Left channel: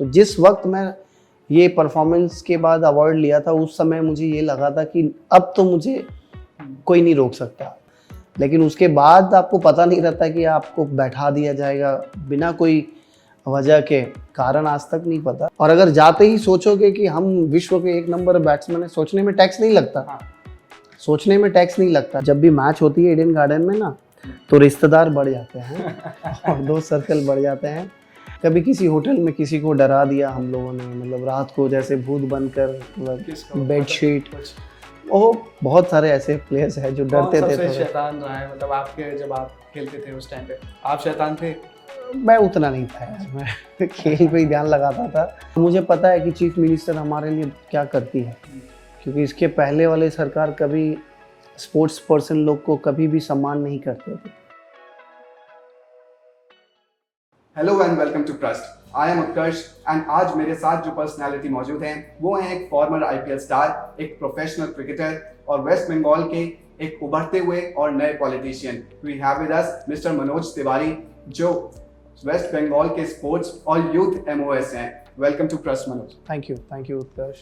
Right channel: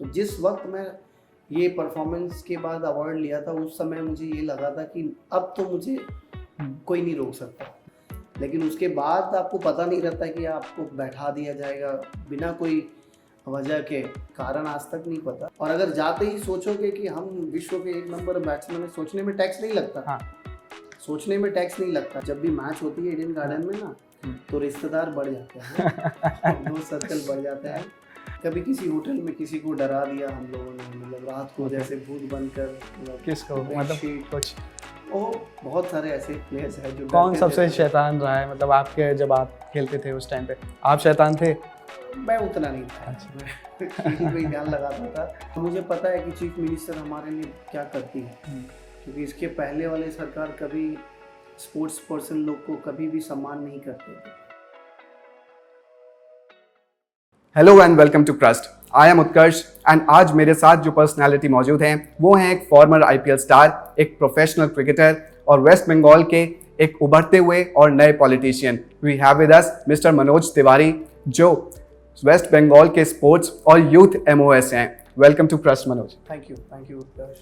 तो जिस वक्त मैं ये परफॉर्मेंस के बाद अवार्ड लिया था उस समय मुझे ये लगा था कि अब तो मुझे कोई नहीं रोक सकता, लेकिन उसके बाद आपको पता नहीं रहता कि आपको बैठा दिया जाएगा बिना कोई वजह के, कारण आज तक नहीं पता। और अगर जाते ही सोचोगे कि हम विश्व के 1 नंबर बैट्समैन है, सोचने में टैक्स नहीं लगता। हाँ, सोचने में टैक्स नहीं लगता। जब भी मैच होती है ईडन गार्डन में ना, तो रिश्तेदार बढ़ जाते हैं और दोस्त सर्कल बढ़ जाते हैं। कभी किसी होटल में किसी को डरा दिया हम लोगों ने, मतलब रात को जैसे भूत बनकर, मतलब बेडशीट। ओह, बहुत सारे ऐसे प्लेयर्स हैं जो डरते थे। सबसे शैतान रहा है, मतलब आपके जब आप खेलते थे उस टाइम पे आप शैतान थे? मैं उतना नहीं था, मैं खेल पे ही ध्यान लगाता था। मुझे पता है कि चीफ मिनिस्टर हमारे लिए क्या करती है, क्योंकि इसके पहले वाले सरकार कभी स्पोर्ट्स पर्सन लोग को कभी भी सम्मान नहीं करते थे। Hello and welcome to Trust. I am Utkarsh and आज मेरे साथ जो पर्सनालिटी मौजूद हैं वो हैं एक फॉर्मर आईपीएल स्टार, एक प्रोफेशनल क्रिकेटर और वेस्ट बंगाल के एक उभरते हुए और नए politician. We have with us mister Manoj Tiwari, जो वेस्ट बंगाल के स्पोर्ट्स और यूथ एमओएस हैं। Welcome to trust Manoj. Thank you Utkarsh.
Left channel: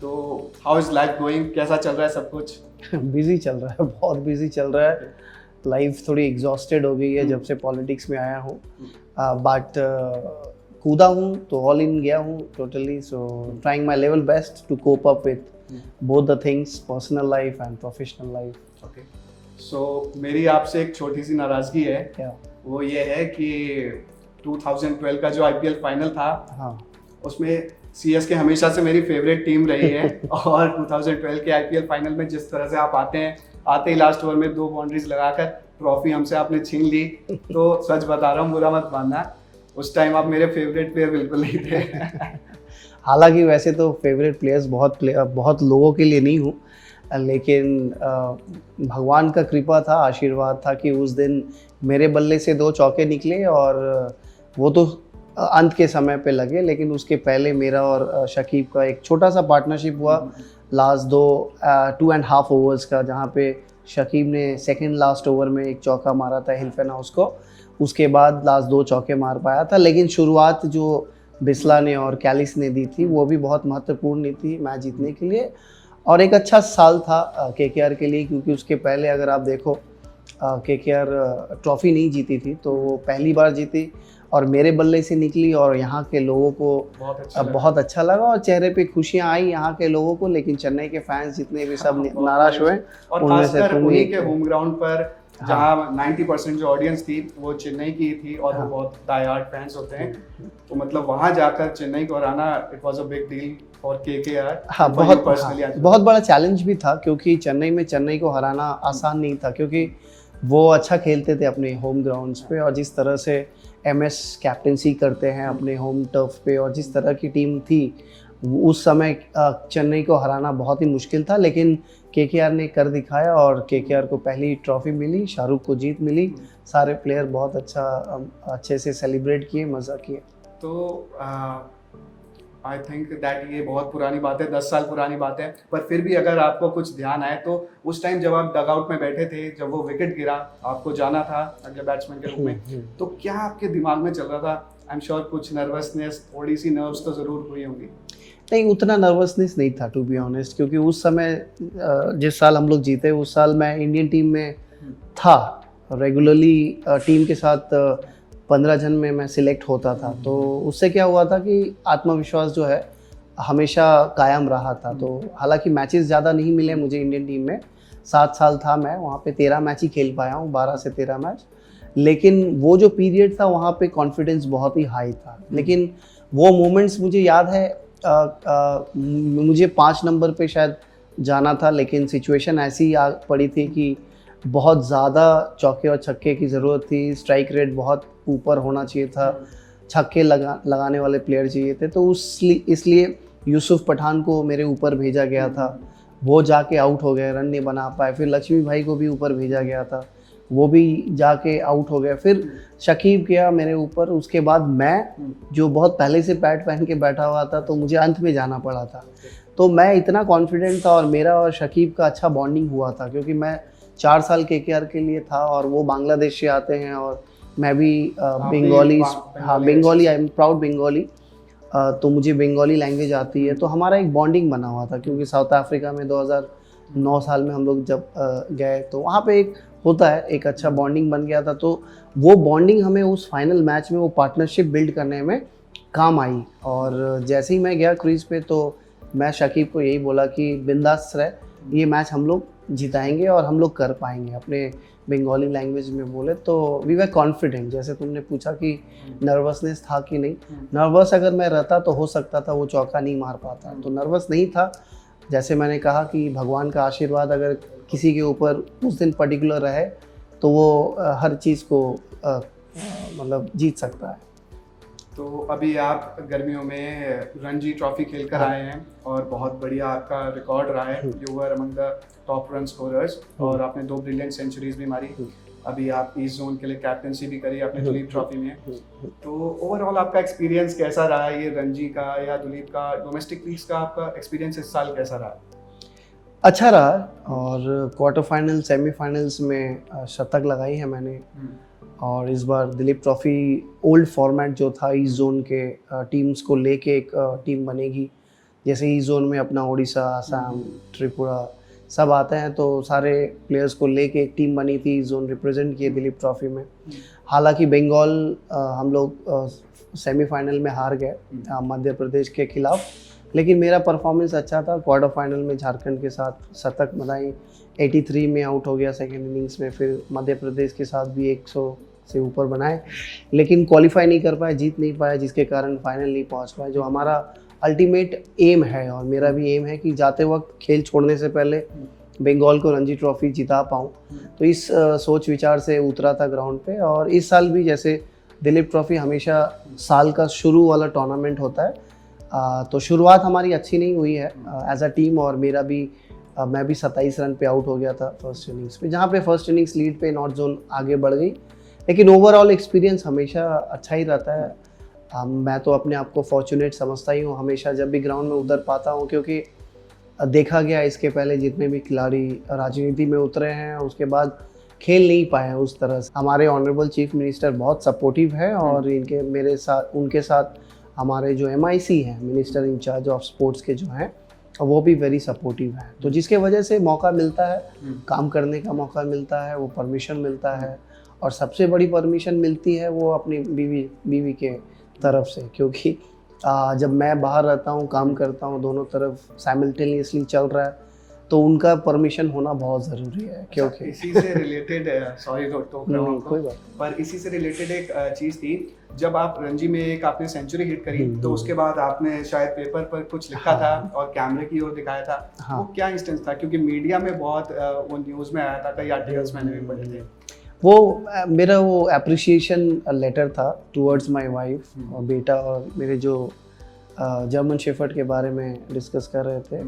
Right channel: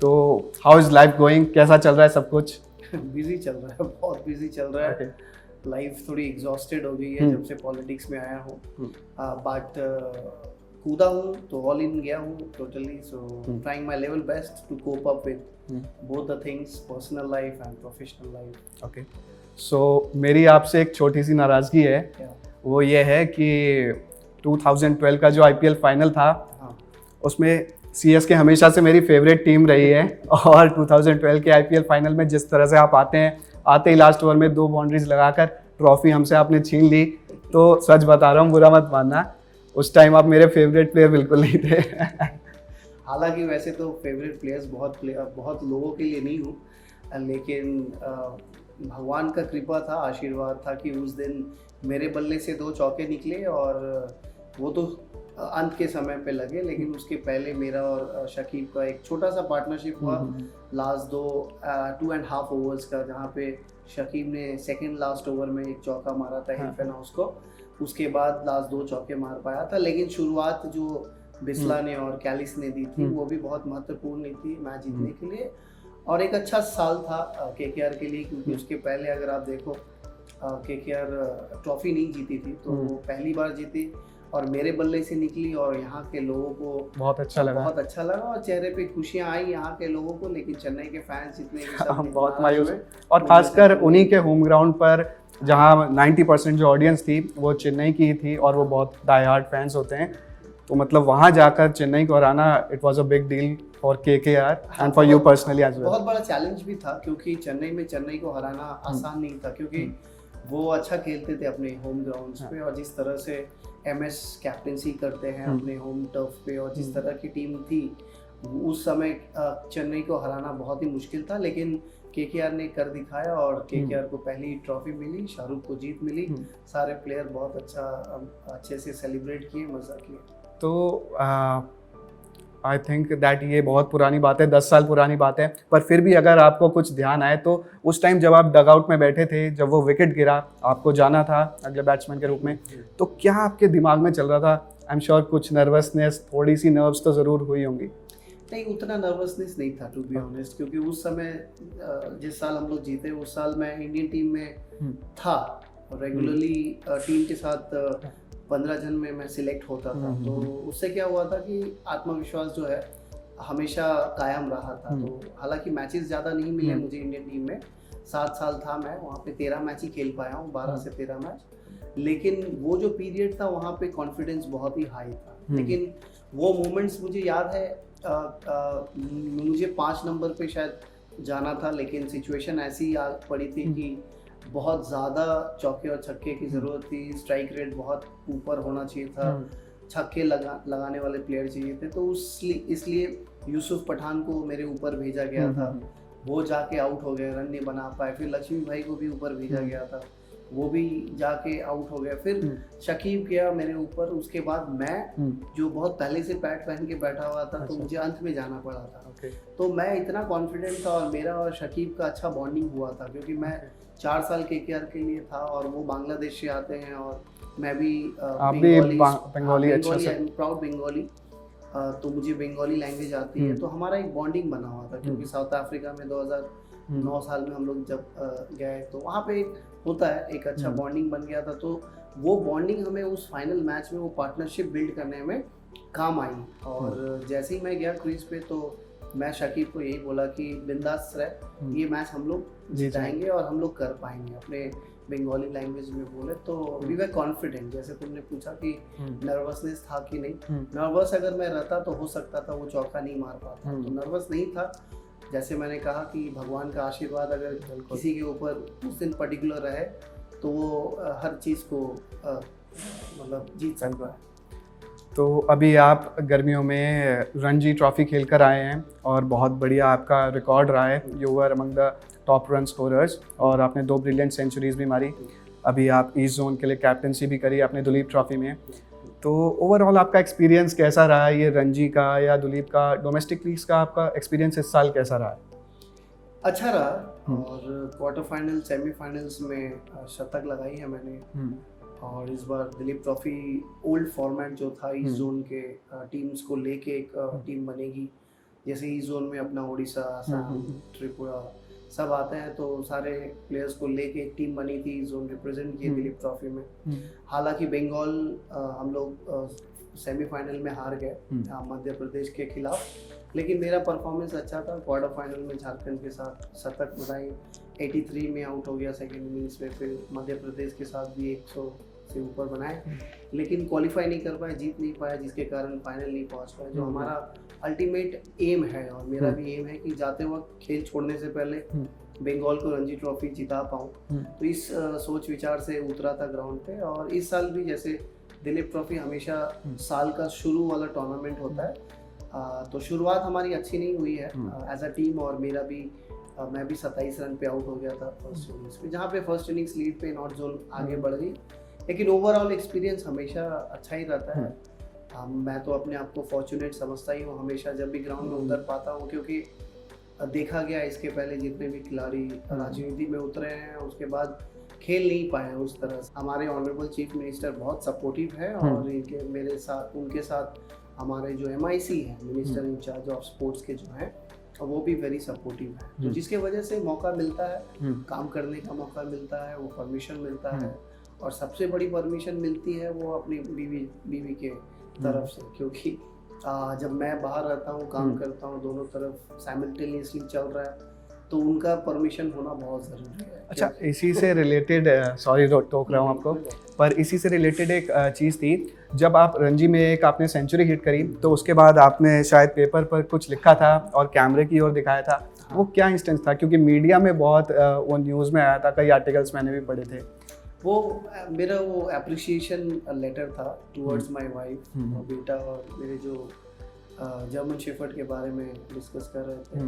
तो हाउ इज लाइफ गोइंग, कैसा चल रहा है सब कुछ? बिजी चल रहा है, बहुत बिजी चल रहा है। लाइफ थोड़ी एग्जॉस्टेड हो गई है जब से पॉलिटिक्स में आया हूँ, बट कूदा हूँ तो ऑल इन गया हूँ totally. So trying my level best to cope up with both the things, personal life and professional life. Okay, so मेरी आपसे एक छोटी सी नाराजगी है। क्या? वो ये है कि 2012 का जो आईपीएल फाइनल था, हाँ, उसमें सीएसके हमेशा से मेरी फेवरेट टीम रही है और 2012 के आईपीएल फाइनल में जिस तरह से आप आते ही लास्ट ओवर में 2 बाउंड्रीज लगाकर ट्रॉफी हमसे आपने छीन ली। तो सच बता रहा हूँ, बुरा मत मानना, उस टाइम आप मेरे फेवरेट प्लेयर बिल्कुल नहीं थे। हालांकि वैसे तो फेवरेट प्लेयर्स बहुत लोगों के लिए नहीं हूँ, लेकिन भगवान का कृपा था, आशीर्वाद था कि उस दिन मेरे बल्ले से 2 चौके निकले और वो तो अंत के समय पे लगे, लेकिन उसके पहले मेरा और शकीब का एक छोटा सा पार्टनरशिप हुआ लास्ट 2.5 ओवर्स का, जहाँ पे शकीब ने सेकंड लास्ट ओवर में एक चौका मारा था हिल्फन हाउस को। उसके बाद लास्ट 2 चौके मार पाया था, लेकिन शुरुआत जो बिस्ला ने और कैलिस ने दी थी वो भी बहुत महत्वपूर्ण थी मैच जीतने के लिए। और एक अच्छा साल था केकेआर के लिए, क्योंकि उसके पहले अगर आप देखो केकेआर ट्रॉफी नहीं जीती थी, तो वो पहली बार जीती और मेरे बल्ले से निकली और यहाँ के लोगों को बहुत अच्छा लगा और चेहरे पे खुशियाँ आई यहाँ के लोगों को। लेकिन चेन्नई के फैंस जितने भी सब नाराज हुए, और खासकर उन्हीं के होम ग्राउंड पर जहाँ 90% जो ऑडियंस थी वो चेन्नई की ही थी और वो बहुत डाई हार्ड फैंस होते हैं। तो मतलब वहाँ जाकर चेन्नई को हराना, it was a big deal for KKR. हाँ, बहुत बड़ा चैलेंज भी था, क्योंकि चेन्नई को हराना आसान नहीं था, क्योंकि वो अच्छा खेलते थे अपने होम ग्राउंड्स पे, और जिस तरह से एमएस कैप्टेंसी करते हैं अपने होम टर्फ पे, और जिस तरह की टीम थी उस समय चेन्नई को हराना बहुत ही मुश्किल था। लेकिन केकेआर ने कर दिखाया और केकेआर को पहली ट्रॉफी मिली, शाहरुख को जीत मिली। सारे प्लेयर बहुत अच्छे से सेलिब्रेट किए, मज़ा किए। तो आई थिंक दैट ये बहुत पुरानी बात है, 10 साल पुरानी बात है, पर फिर भी अगर आपको कुछ ध्यान आए तो उस टाइम जब आप डगआउट में बैठे थे, जब वो विकेट गिरा, आपको जाना था अगले बैट्समैन के रूप में, तो क्या आपके दिमाग में चल रहा था? आई एम श्योर कुछ नर्वसनेस, थोड़ी सी नर्व्स तो ज़रूर हुई होंगी। नहीं, उतना नर्वसनेस नहीं था टू बी ऑनेस्ट, क्योंकि उस समय जिस साल हम लोग जीते उस साल मैं इंडियन टीम में था, रेगुलरली टीम के साथ 15 जन में मैं सिलेक्ट होता था। तो उससे क्या हुआ था कि आत्मविश्वास जो है हमेशा कायम रहा था। तो हालांकि मैचेस ज़्यादा नहीं मिले मुझे इंडियन टीम में, 7 साल था मैं वहाँ पे, 13 मैच ही खेल पाया हूँ, 12 से 13 मैच। लेकिन वो जो पीरियड था वहाँ पे कॉन्फिडेंस बहुत ही हाई था। लेकिन वो मोमेंट्स मुझे याद है, मुझे 5 नंबर पे शायद जाना था, लेकिन सिचुएशन ऐसी आ पड़ी थी कि बहुत ज़्यादा चौके और छक्के की ज़रूरत थी, स्ट्राइक रेट बहुत ऊपर होना चाहिए था, छक्के लगाने वाले प्लेयर चाहिए थे। तो इसलिए यूसुफ पठान को मेरे ऊपर भेजा गया था, वो जाके आउट हो गए, रन नहीं बना पाए। फिर लक्ष्मी भाई को भी ऊपर भेजा गया था, वो भी जाके आउट हो गया। फिर शकीब गया मेरे ऊपर, उसके बाद मैं जो बहुत पहले से पैड पहन के बैठा हुआ था, तो मुझे अंत में जाना पड़ा था। तो मैं इतना कॉन्फिडेंट था और मेरा और शकीब का अच्छा बॉन्डिंग हुआ था, क्योंकि मैं 4 साल केकेआर के लिए था और वो बांग्लादेश से आते हैं और मैं भी Bengali, I am proud Bengali. तो मुझे बंगाली लैंग्वेज आती है, तो हमारा एक बॉन्डिंग बना हुआ था, क्योंकि साउथ अफ्रीका में 2009 साल में हम लोग जब गए तो वहाँ पे एक होता है, एक अच्छा बॉन्डिंग बन गया था। तो वो बॉन्डिंग हमें उस फाइनल मैच में वो पार्टनरशिप बिल्ड करने में काम आई। और जैसे ही मैं गया क्रीज पे तो मैं शकीब को यही बोला कि बिंदास रहे, ये मैच हम लोग जिताएंगे और हम लोग कर पाएंगे, अपने बंगाली लैंग्वेज में बोले। तो वी वर कॉन्फिडेंट। जैसे तुमने पूछा कि नर्वसनेस था कि नहीं, नर्वस अगर मैं रहता तो हो सकता था वो चौका नहीं मार पाता, तो नर्वस नहीं था। जैसे मैंने कहा कि भगवान का आशीर्वाद अगर किसी के ऊपर उस दिन पर्टिकुलर रहे तो वो हर चीज़ को मतलब जीत सकता है। तो अभी आप गर्मियों में रणजी ट्रॉफी खेल कर आए हैं और बहुत बढ़िया आपका रिकॉर्ड रहा है, you were among the top run scorers और आपने 2 ब्रिलियंट सेंचुरीज भी मारी। अभी आप ईस्ट जोन के लिए कैप्टनसी भी करी आपने दुलीप ट्रॉफी में। तो ओवरऑल आपका एक्सपीरियंस कैसा रहा, ये रणजी का या दुलीप का डोमेस्टिक लीग्स का आपका एक्सपीरियंस इस साल कैसा रहा? अच्छा रहा, और क्वार्टर फाइनल सेमीफाइनल्स में शतक लगाई है मैंने। और इस बार दिलीप ट्रॉफी ओल्ड फॉर्मेट जो था ईस्ट जोन के टीम्स को लेके एक टीम बनेगी। जैसे ईस्ट जोन में अपना उड़ीसा, आसाम, त्रिपुरा सब आते हैं, तो सारे प्लेयर्स को लेके एक टीम बनी थी, ईस्ट जोन रिप्रेजेंट किए दिलीप ट्रॉफी में। हालांकि बंगाल हम लोग सेमीफाइनल में हार गए मध्य प्रदेश के खिलाफ, लेकिन मेरा परफॉर्मेंस अच्छा था। क्वार्टर फाइनल में झारखंड के साथ शतक बनाई, 83 में आउट हो गया सेकेंड इनिंग्स में, फिर मध्य प्रदेश के साथ भी 100 से ऊपर बनाए, लेकिन क्वालिफाई नहीं कर पाए, जीत नहीं पाए, जिसके कारण फाइनल नहीं पहुंच पाए। जो हमारा अल्टीमेट एम है, और मेरा भी एम है कि जाते वक्त खेल छोड़ने से पहले बंगाल को रणजी ट्रॉफी जिता पाऊँ। तो इस सोच विचार से उतरा था ग्राउंड पे। और इस साल भी जैसे दिलीप ट्रॉफी हमेशा साल का शुरू वाला टूर्नामेंट होता है, तो शुरुआत हमारी अच्छी नहीं हुई है एज अ टीम। और मेरा भी मैं भी 27 रन पे आउट हो गया था फर्स्ट इनिंग्स पे, जहाँ पे फर्स्ट इनिंग्स लीड पे नॉर्थ जोन आगे बढ़ गई। लेकिन ओवरऑल एक्सपीरियंस हमेशा अच्छा ही रहता है। मैं तो अपने आप को फॉर्चुनेट समझता ही हूँ हमेशा जब भी ग्राउंड में उतर पाता हूँ, क्योंकि देखा गया इसके पहले जितने भी खिलाड़ी राजनीति में उतरे हैं उसके बाद खेल नहीं पाए उस तरह से। हमारे ऑनरेबल चीफ मिनिस्टर बहुत सपोर्टिव है, और उनके साथ हमारे जो MIC हैं, मिनिस्टर इंचार्ज ऑफ स्पोर्ट्स के जो हैं, वो भी वेरी सपोर्टिव है। तो जिसके वजह से मौका मिलता है, काम करने का मौका मिलता है, वो परमिशन मिलता है। और सबसे बड़ी परमिशन मिलती है वो अपनी बीवी के तरफ से, क्योंकि जब मैं बाहर रहता हूँ, काम करता हूँ, दोनों तरफ साइमल्टेनियसली चल रहा है, तो उनका परमिशन होना बहुत ज़रूरी है। अच्छा, इसी से रिलेटेड सॉरी टोक रहा हूँ आपको, पर इसी से रिलेटेड एक चीज़ थी, जब आप रणजी में एक आपने सेंचुरी हिट करी तो उसके बाद आपने शायद पेपर पर कुछ लिखा था और कैमरे की ओर दिखाया था। वो क्या इंस्टेंस था? क्योंकि मीडिया में बहुत वो न्यूज़ में आया था, कई आर्टिकल्स मैंने भी पढ़े थे। वो मेरा वो अप्रिसिएशन लेटर था टुवर्ड्स माय वाइफ और बेटा, और मेरे जो जर्मन शेफर्ड के बारे में डिस्कस कर रहे थे।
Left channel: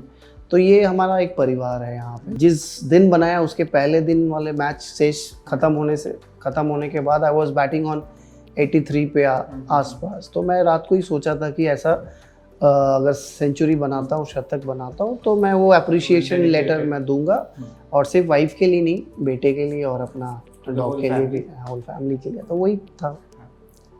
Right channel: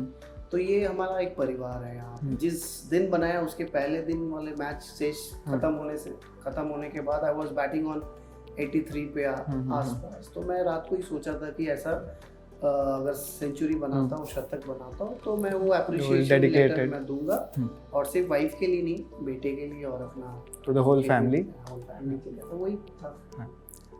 तो ये हमारा एक परिवार है यहाँ पे। जिस दिन बनाया उसके पहले दिन वाले मैच शेष खत्म होने के बाद आई वाज बैटिंग ऑन 83 पे आसपास। तो मैं रात को ही सोचा था कि ऐसा अगर सेंचुरी बनाता हूँ, शतक बनाता हूँ, तो मैं वो अप्रिसिएशन लेटर मैं दूंगा, और सिर्फ वाइफ के लिए नहीं, बेटे के लिए और अपना होल फैमिली के लिए। तो वही था।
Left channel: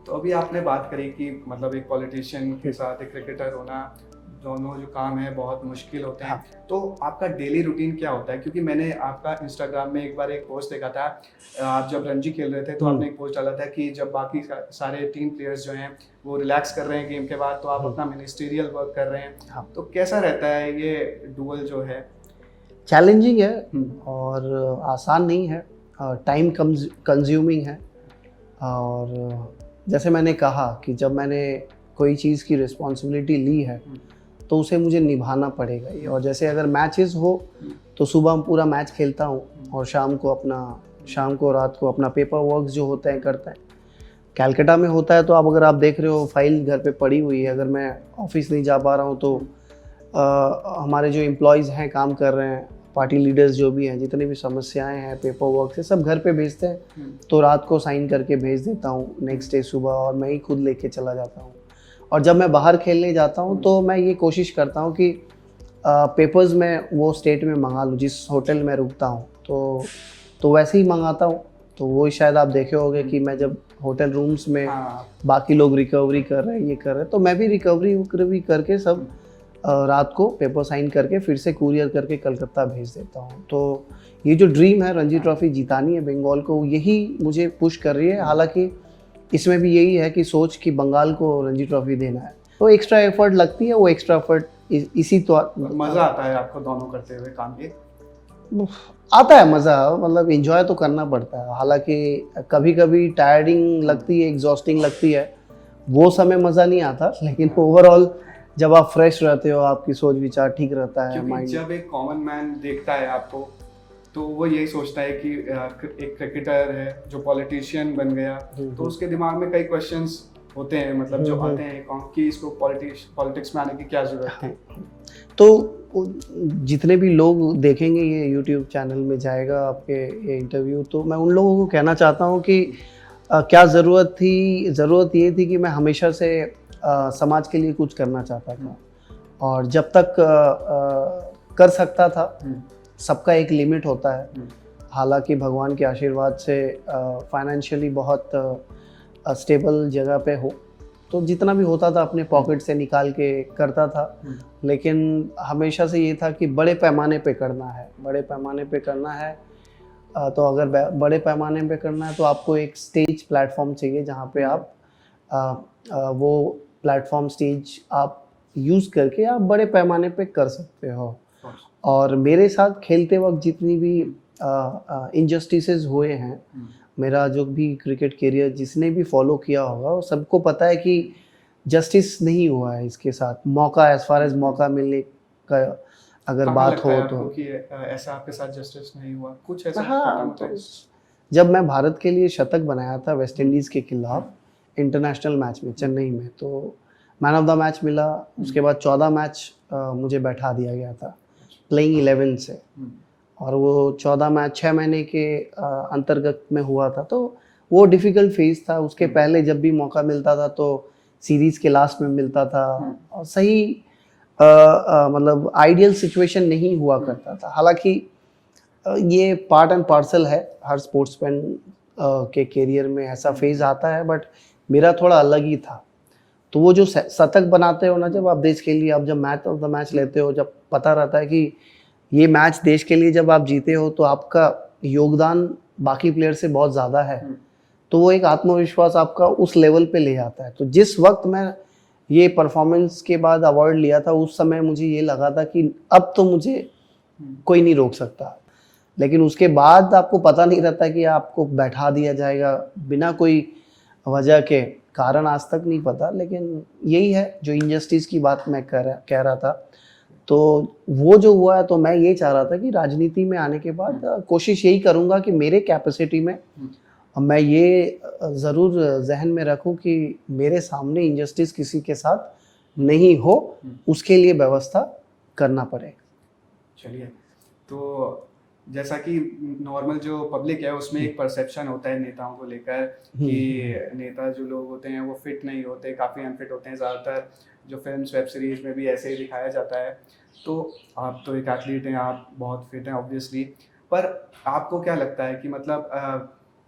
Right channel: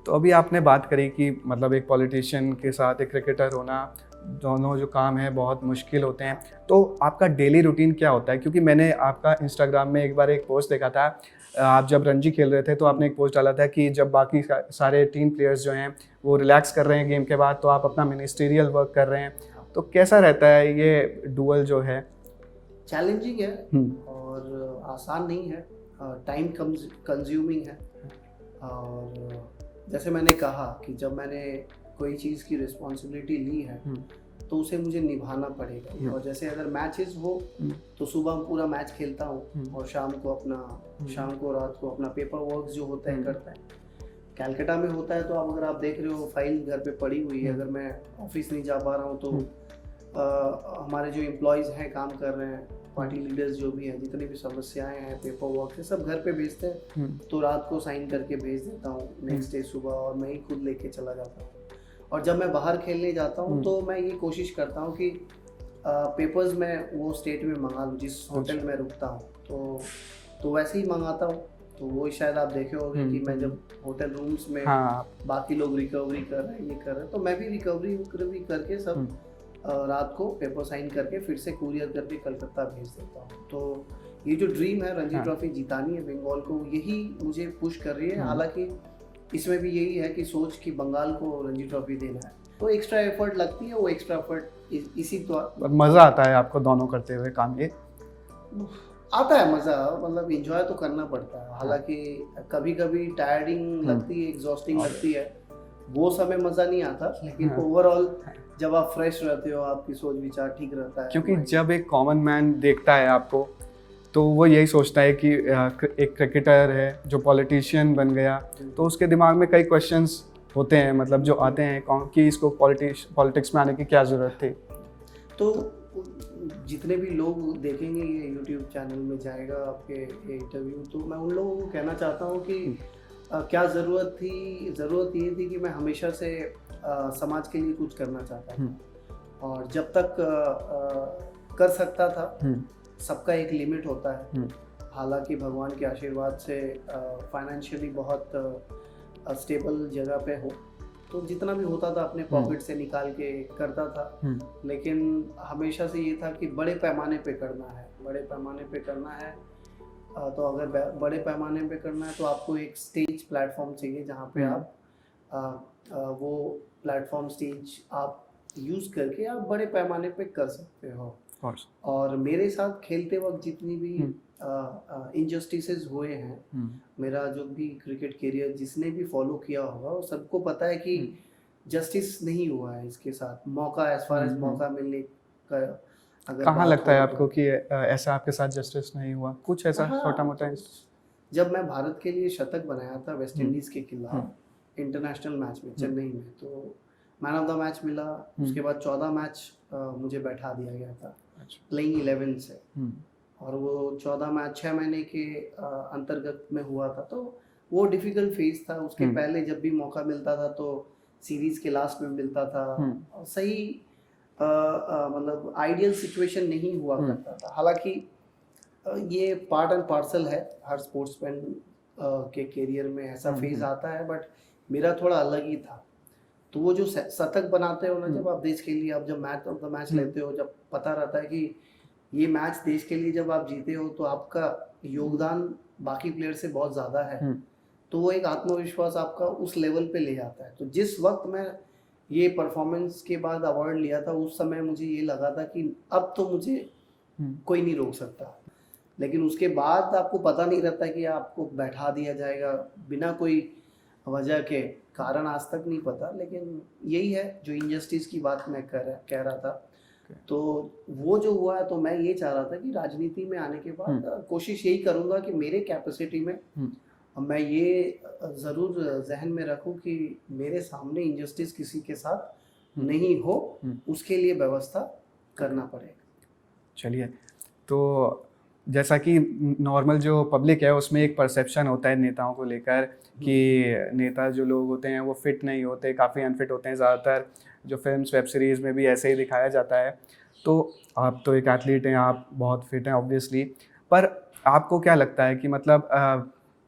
तो अभी आपने बात करी कि मतलब एक पॉलिटिशियन के साथ एक क्रिकेटर होना, दोनों जो काम है बहुत मुश्किल होते हैं। तो आपका डेली रूटीन क्या होता है? क्योंकि मैंने आपका इंस्टाग्राम में एक बार एक पोस्ट देखा था, आप जब रणजी खेल रहे थे तो आपने एक पोस्ट डाला था कि जब बाकी सारे टीम प्लेयर्स जो हैं वो रिलैक्स कर रहे हैं गेम के बाद, तो आप अपना मिनिस्टीरियल वर्क कर रहे हैं। तो कैसा रहता है ये डुअल जो है? चैलेंजिंग है और आसान नहीं है, टाइम कंज्यूमिंग है। और जैसे मैंने कहा कि जब मैंने कोई चीज़ की रिस्पॉन्सिबिलिटी ली है तो उसे मुझे निभाना पड़ेगा ही। और जैसे अगर मैचेस हो तो सुबह पूरा मैच खेलता हूँ और शाम को रात को अपना पेपर वर्क जो होता है करता है। कैलकाटा में होता है तो अब अगर आप देख रहे हो फाइल घर पे पड़ी हुई है, अगर मैं ऑफिस नहीं जा पा रहा हूँ तो हमारे जो एम्प्लॉयज़ हैं काम कर रहे हैं, पार्टी लीडर्स जो भी हैं, जितनी भी समस्याएं हैं पेपर वर्क से, सब घर पे भेजते हैं। तो रात को साइन करके भेज देता हूँ, नेक्स्ट डे सुबह और मैं ही खुद लेके चला जाता हूँ। और जब मैं बाहर खेलने जाता हूँ तो मैं ये कोशिश करता हूँ कि पेपर्स में वो स्टेट में मंगा लूँ जिस होटल में रुकता हूँ, तो वैसे ही मंगाता हूँ। तो वो शायद आप देखे होंगे कि मैं जब होटल रूम्स में हाँ बाकी लोग रिकवरी कर रहे हैं, ये कर रहे हैं, तो मैं भी रिकवरी करके सब रात को पेपर साइन करके फिर से कुरियर करके कलकत्ता भेज देता हूँ। तो ये जो ड्रीम है रणजी ट्रॉफी जितानी है बंगाल को, यही मुझे पुश कर रही है। हालांकि इसमें भी यही है कि सोच कि बंगाल को रणजी ट्रॉफी देना है, तो एक्स्ट्रा एफर्ट लगती है। वो एक्स्ट्रा एफर्ट इसी तो मजा आता है आपको दोनों करते हुए काम के? आता है मज़ा, मतलब एंजॉय तो करना पड़ता है। हालांकि कभी कभी टायर्डिंग लगती है, एग्जॉस्टिंग लगती है, वो समय मज़ा नहीं आता, लेकिन ओवरऑल जब आप फ्रेश रहते हो, आपकी सोच विचार ठीक रहता है। क्योंकि जब एक कॉमन मैन देखता है आपको तो वो यही सोचता है कि एक क्रिकेटर है जो पॉलिटिशियन बन गया, तो उसके दिमाग में कई क्वेश्चंस होते हैं, मतलब जो आते हैं कौन कि इसको पॉलिटिक्स में आने की क्या ज़रूरत थी। तो जितने भी लोग देखेंगे ये यूट्यूब चैनल में जाएगा आपके ये इंटरव्यू, तो मैं उन लोगों को कहना चाहता हूँ कि क्या ज़रूरत थी। ज़रूरत ये थी कि मैं हमेशा से समाज के लिए कुछ करना चाहता था, और जब तक कर सकता था। सबका एक लिमिट होता है। हालांकि भगवान के आशीर्वाद से फाइनेंशियली बहुत स्टेबल जगह पे हो, तो जितना भी होता था अपने पॉकेट से निकाल के करता था। लेकिन हमेशा से ये था कि बड़े पैमाने पे करना है, बड़े पैमाने पे करना है। तो अगर बड़े पैमाने पे करना है तो आपको एक स्टेज प्लेटफॉर्म चाहिए जहाँ पे आप वो प्लेटफॉर्म स्टेज आप यूज़ करके आप बड़े पैमाने पे कर सकते हो। और मेरे साथ खेलते वक्त जितनी भी इनजस्टिसेस हुए हैं, मेरा जो भी क्रिकेट करियर जिसने भी फॉलो किया होगा वो सबको पता है कि जस्टिस नहीं हुआ है इसके साथ। मौका, एज फार एज मौका मिलने का अगर बात लगता हो है तो आपको कि ऐसा आपके साथ जस्टिस नहीं हुआ, कुछ ऐसा हाँ, छोटा मोटा? तो जब मैं भारत के लिए शतक बनाया था वेस्ट इंडीज़ के खिलाफ इंटरनेशनल मैच में चेन्नई में, तो मैन ऑफ द मैच मिला। उसके बाद 14 मैच मुझे बैठा दिया गया था प्लेइंग 11 से, और वो 14 मैच 6 महीने के अंतर्गत में हुआ था। तो वो डिफ़िकल्ट फेज़ था। उसके पहले जब भी मौका मिलता था तो सीरीज़ के लास्ट में मिलता था, और सही मतलब आइडियल सिचुएशन नहीं हुआ करता था। हालांकि ये पार्ट एंड पार्सल है, हर स्पोर्ट्समैन के करियर में ऐसा फेज़ आता है, बट मेरा थोड़ा अलग ही था। तो वो जो शतक बनाते हो ना जब आप देश के लिए, आप जब मैच ऑफ द मैच लेते हो, जब पता रहता है कि ये मैच देश के लिए जब आप जीते हो तो आपका योगदान बाकी प्लेयर से बहुत ज़्यादा है, तो वो एक आत्मविश्वास आपका उस लेवल पे ले जाता है। तो जिस वक्त मैं ये परफॉर्मेंस के बाद अवार्ड लिया था, उस समय मुझे ये लगा था कि अब तो मुझे कोई नहीं रोक सकता। लेकिन उसके बाद आपको पता नहीं रहता कि आपको बैठा दिया जाएगा बिना कोई वजह के, कारण आज तक नहीं पता। लेकिन यही है जो इनजस्टिस की बात मैं कह रहा था, तो वो जो हुआ है, तो मैं ये चाह रहा था कि राजनीति में आने के बाद कोशिश यही करूँगा कि मेरे कैपेसिटी में मैं ये ज़रूर जहन में रखूँ कि मेरे सामने इनजस्टिस किसी के साथ नहीं हो, उसके लिए व्यवस्था करना पड़े। चलिए, तो जैसा कि नॉर्मल जो पब्लिक है उसमें एक परसेप्शन होता है नेताओं को लेकर कि नेता जो लोग होते हैं वो फिट नहीं होते, काफ़ी अनफिट होते हैं। ज़्यादातर जो फिल्म्स वेब सीरीज़ में भी ऐसे ही दिखाया जाता है। तो आप तो एक एथलीट हैं, आप बहुत फिट हैं ऑब्वियसली, पर आपको क्या लगता है कि मतलब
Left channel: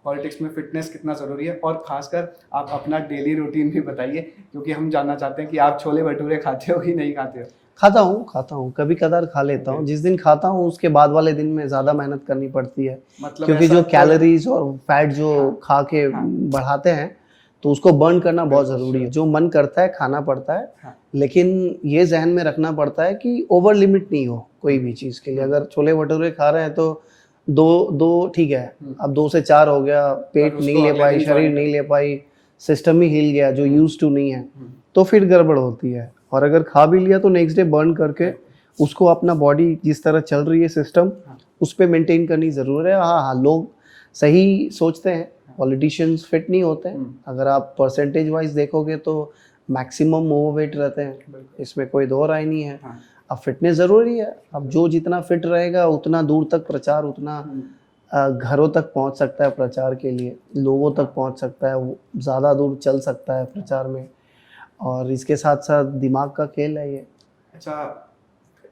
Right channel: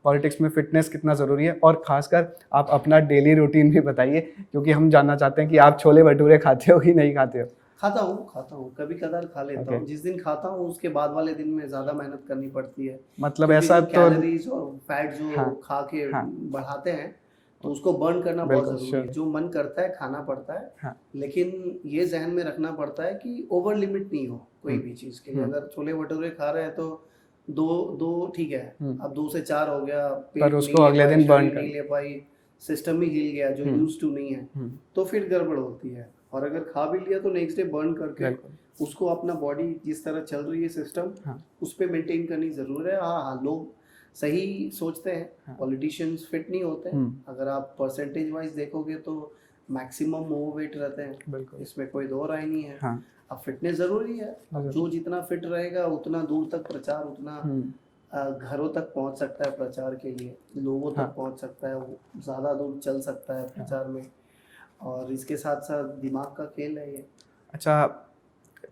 पॉलिटिक्स में फिटनेस कितना ज़रूरी है? और ख़ासकर आप अपना डेली रूटीन भी बताइए, क्योंकि हम जानना चाहते हैं कि आप छोले भटूरे खाते हो कि नहीं खाते हो? खाता हूँ, कभी कदार खा लेता हूँ। जिस दिन खाता हूँ उसके बाद वाले दिन में ज़्यादा मेहनत करनी पड़ती है, मतलब क्योंकि जो कैलोरीज और फैट जो खा के बढ़ाते हैं, तो उसको बर्न करना बहुत ज़रूरी है। जो मन करता है खाना पड़ता है, लेकिन ये जहन में रखना पड़ता है कि ओवर लिमिट नहीं हो कोई भी चीज़ के लिए। अगर छोले भटूरे खा रहे हैं तो दो ठीक है, अब 2 से 4 हो गया, पेट नहीं ले पाई, शरीर नहीं ले पाई, सिस्टम ही हिल गया जो यूज टू नहीं है, तो फिर गड़बड़ होती है। और अगर खा भी लिया तो नेक्स्ट डे बर्न करके उसको अपना बॉडी जिस तरह चल रही है सिस्टम, उस पर मेंटेन करनी ज़रूर है। हाँ, लोग सही सोचते हैं, पॉलिटिशियंस फिट नहीं होते हैं। अगर आप परसेंटेज वाइज देखोगे तो मैक्सिमम ओवरवेट रहते हैं, इसमें कोई दो राय नहीं है। अब फिटनेस ज़रूरी है। अब जो जितना फिट रहेगा उतना दूर तक प्रचार, उतना घरों तक पहुंच सकता है प्रचार के लिए, लोगों तक पहुंच सकता है, ज़्यादा दूर चल सकता है प्रचार में। और इसके साथ साथ दिमाग का खेल है ये। अच्छा,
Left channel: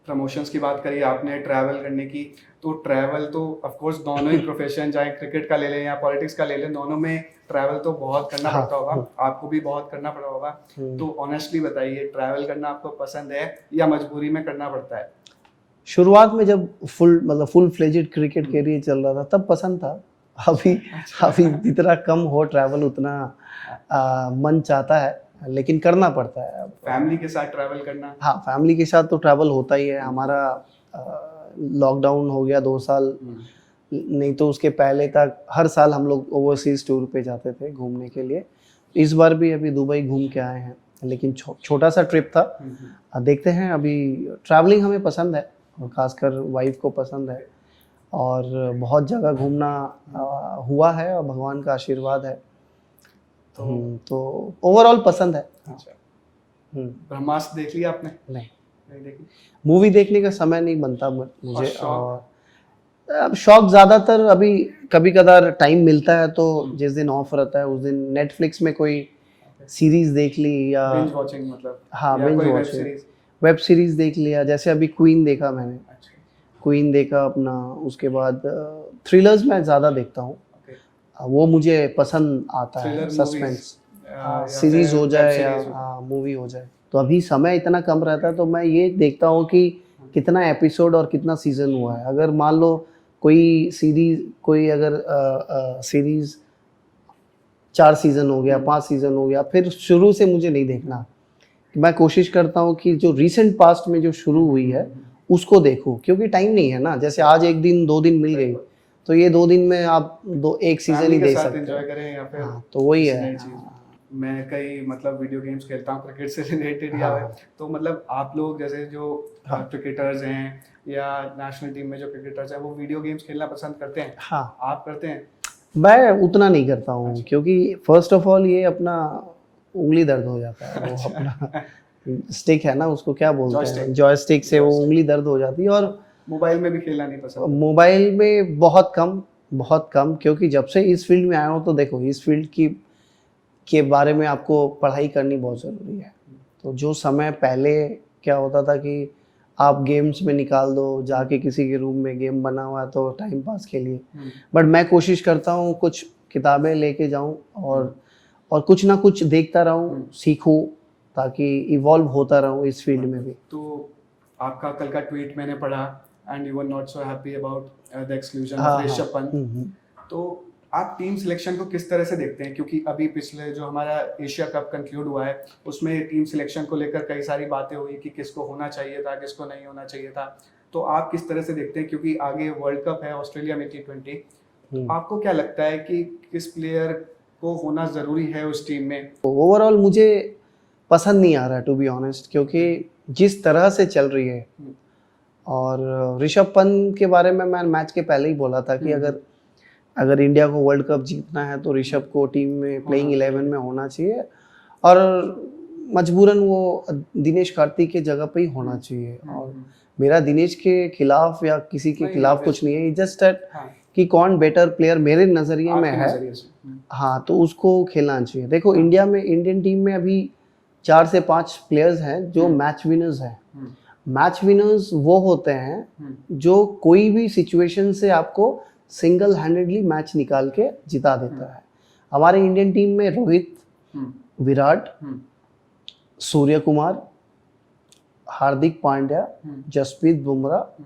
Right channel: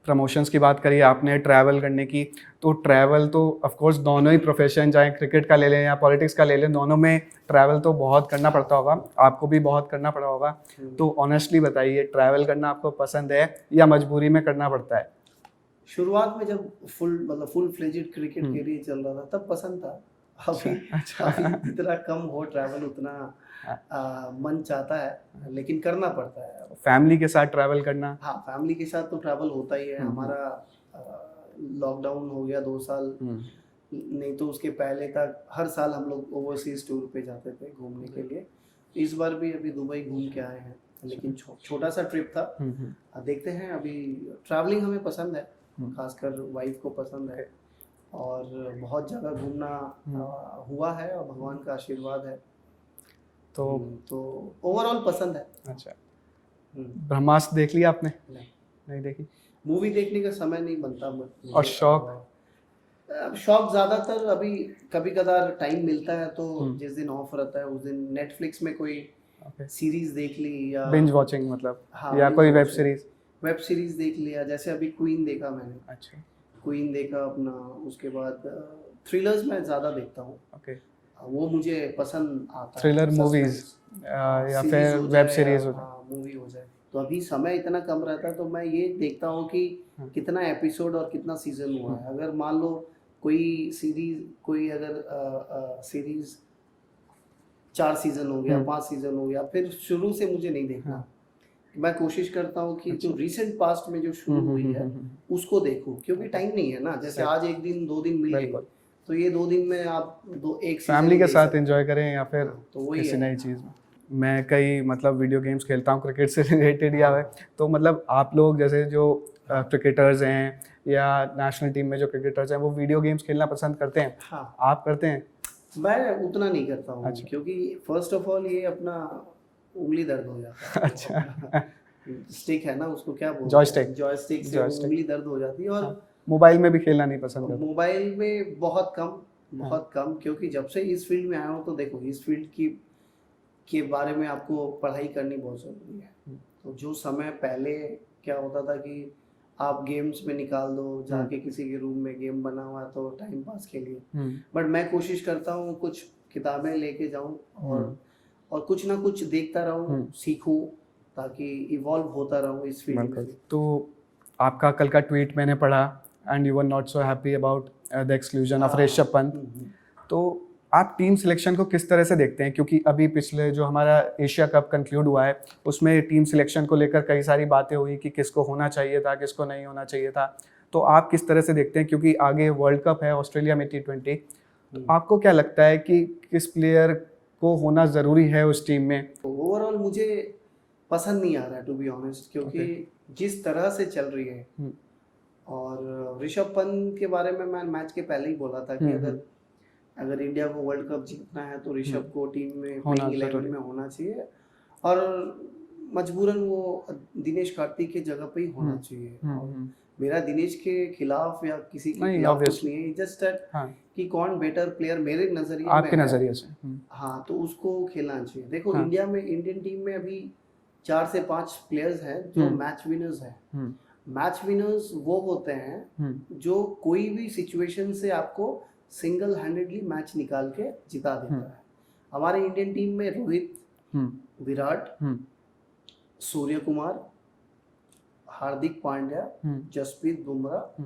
प्रमोशंस की बात करी आपने, ट्रैवल करने की, तो ट्रैवल तो ऑफ कोर्स दोनों ही प्रोफेशन, चाहे क्रिकेट का ले लें या पॉलिटिक्स का ले लें, दोनों में ट्रैवल तो बहुत करना हाँ, पड़ता होगा, आपको भी बहुत करना पड़ा होगा। तो ऑनेस्टली बताइए, ट्रैवल करना आपको पसंद है या मजबूरी में करना पड़ता है? शुरुआत में जब फुल फ्लेजेड क्रिकेट कैरियर चल रहा था तब पसंद था। अभी अभी जितना कम हो ट्रैवल उतना मन चाहता है, लेकिन करना पड़ता है। फैमिली के साथ ट्रैवल करना? हाँ, फैमिली के साथ तो ट्रैवल होता ही है। हमारा लॉकडाउन हो गया 2 साल, नहीं तो उसके पहले तक हर साल हम लोग ओवरसीज टूर पे जाते थे घूमने के लिए। इस बार भी अभी दुबई घूम के आए हैं, लेकिन छोटा सा ट्रिप था। देखते हैं। अभी ट्रैवलिंग हमें पसंद है, खासकर वाइफ को पसंद है, और बहुत जगह घूमना हुआ है और भगवान का आशीर्वाद है। तो ओवरऑल पसंद है। अच्छा, ब्रह्मास्त्र देख लिया आपने? नहीं देखी। मूवी देखने का समय नहीं बनता मुझे। और शौक? अब शौक ज़्यादातर अभी कभी कदार टाइम मिलता है तो जिस दिन ऑफ रहता है उस दिन नेटफ्लिक्स में कोई सीरीज देख ली, या बिंज वॉचिंग मतलब? हाँ, या binge कोई web watching। Series? Web series देख लिया, जैसे अभी क्वीन देखा मैंने। अच्छा, क्वीन देखा अपना। उसके बाद थ्रिलर्स मैं ज़्यादा देखता हूँ, ओके। वो मुझे पसंद आता है। थ्रिलर सस्पेंस या सीरीज फिर हो वेब जाए सीरीज या हो? हाँ मूवी हो जाए। तो अभी समय इतना कम रहता है तो मैं ये देखता हूँ कि कितना एपिसोड और कितना सीजन हुआ है। अगर मान लो कोई सीरीज 4 सीजन हो गया, 5 सीजन हो गया, फिर शुरू से मुझे नहीं देखना। मैं कोशिश करता हूँ कि जो रिसेंट पास्ट में जो शुरू हुई है उसको देखूं, क्योंकि टाइम नहीं है ना। जैसे आज एक दिन 2 दिन मिल गई तो ये 2 दिन में आप एक सीजन फैमिली ही के देख साथ सकते एंजॉय हैं। करें या फिर हाँ, तो वही किसी है। नई चीज। मैं कई मतलब वीडियो गेम्स खेलता हूँ क्रिकेट से रिलेटेड या तो मतलब आप लोग जैसे जो क्रिकेटर्स हैं या नेशनल टीम में जो क्रिकेटर्स हैं वो वीडियो गेम्स खेलना पसंद करते हैं? हाँ, आप करते हैं? मैं उतना नहीं करता हूँ। अच्छा। क्योंकि फर्स्ट ऑफ ऑल ये अपना उंगली दर्द हो जाता है। वो अपना स्टिक है ना, उसको क्या बोलते हैं, जॉयस्टिक से वो उंगली दर्द हो जाती है। और मोबाइल में भी खेलना नहीं पसंद है? मोबाइल में बहुत कम, क्योंकि जब से इस फील्ड में आया हूँ तो देखो, इस फील्ड के बारे में आपको पढ़ाई करनी बहुत ज़रूरी है। तो जो समय पहले क्या होता था कि आप गेम्स में निकाल दो, जाके किसी के रूम में गेम बना हुआ है तो टाइम पास के लिए। बट मैं कोशिश करता हूँ कुछ किताबें लेके जाऊँ और कुछ ना कुछ देखता रहूँ, सीखूँ, ताकि इवॉल्व होता रहूँ इस फील्ड में भी। तो आपका कल का ट्वीट मैंने पढ़ा, and you were not so happy about the exclusion of Rishabh Pant. तो आप टीम सिलेक्शन को किस तरह से देखते हैं? क्योंकि अभी पिछले जो हमारा एशिया कप कंक्लूड हुआ है उसमें टीम सिलेक्शन को लेकर कई सारी बातें हुई कि किसको होना चाहिए था, किसको नहीं होना चाहिए था। तो आप किस तरह से देखते हैं? क्योंकि आगे वर्ल्ड कप है ऑस्ट्रेलिया में T20, आपको क्या लगता है कि किस प्लेयर को होना ज़रूरी है उस टीम में? ओवरऑल मुझे पसंद नहीं आ रहा है, टू बी ऑनेस्ट, क्योंकि जिस तरह से चल रही है। और ऋषभ पंत के बारे में मैं मैच के पहले ही बोला था कि अगर इंडिया को वर्ल्ड कप जीतना है तो ऋषभ को टीम में प्लेइंग 11 में होना चाहिए, और मजबूरन वो दिनेश कार्तिक के जगह पे ही होना चाहिए। और मेरा दिनेश के खिलाफ या किसी के खिलाफ कुछ नहीं है, जस्ट कि कौन बेटर प्लेयर मेरे नज़रिए में है, हाँ, तो उसको खेलना चाहिए। देखो, इंडियन टीम में अभी 4 से 5 प्लेयर्स हैं जो मैच विनर्स हैं। मैच विनर्स वो होते हैं जो कोई भी सिचुएशन से आपको सिंगल हैंडेडली मैच निकाल के जिता देता है। हमारे इंडियन टीम में रोहित, विराट, सूर्य कुमार, हार्दिक पांड्या, जसप्रीत बुमराह,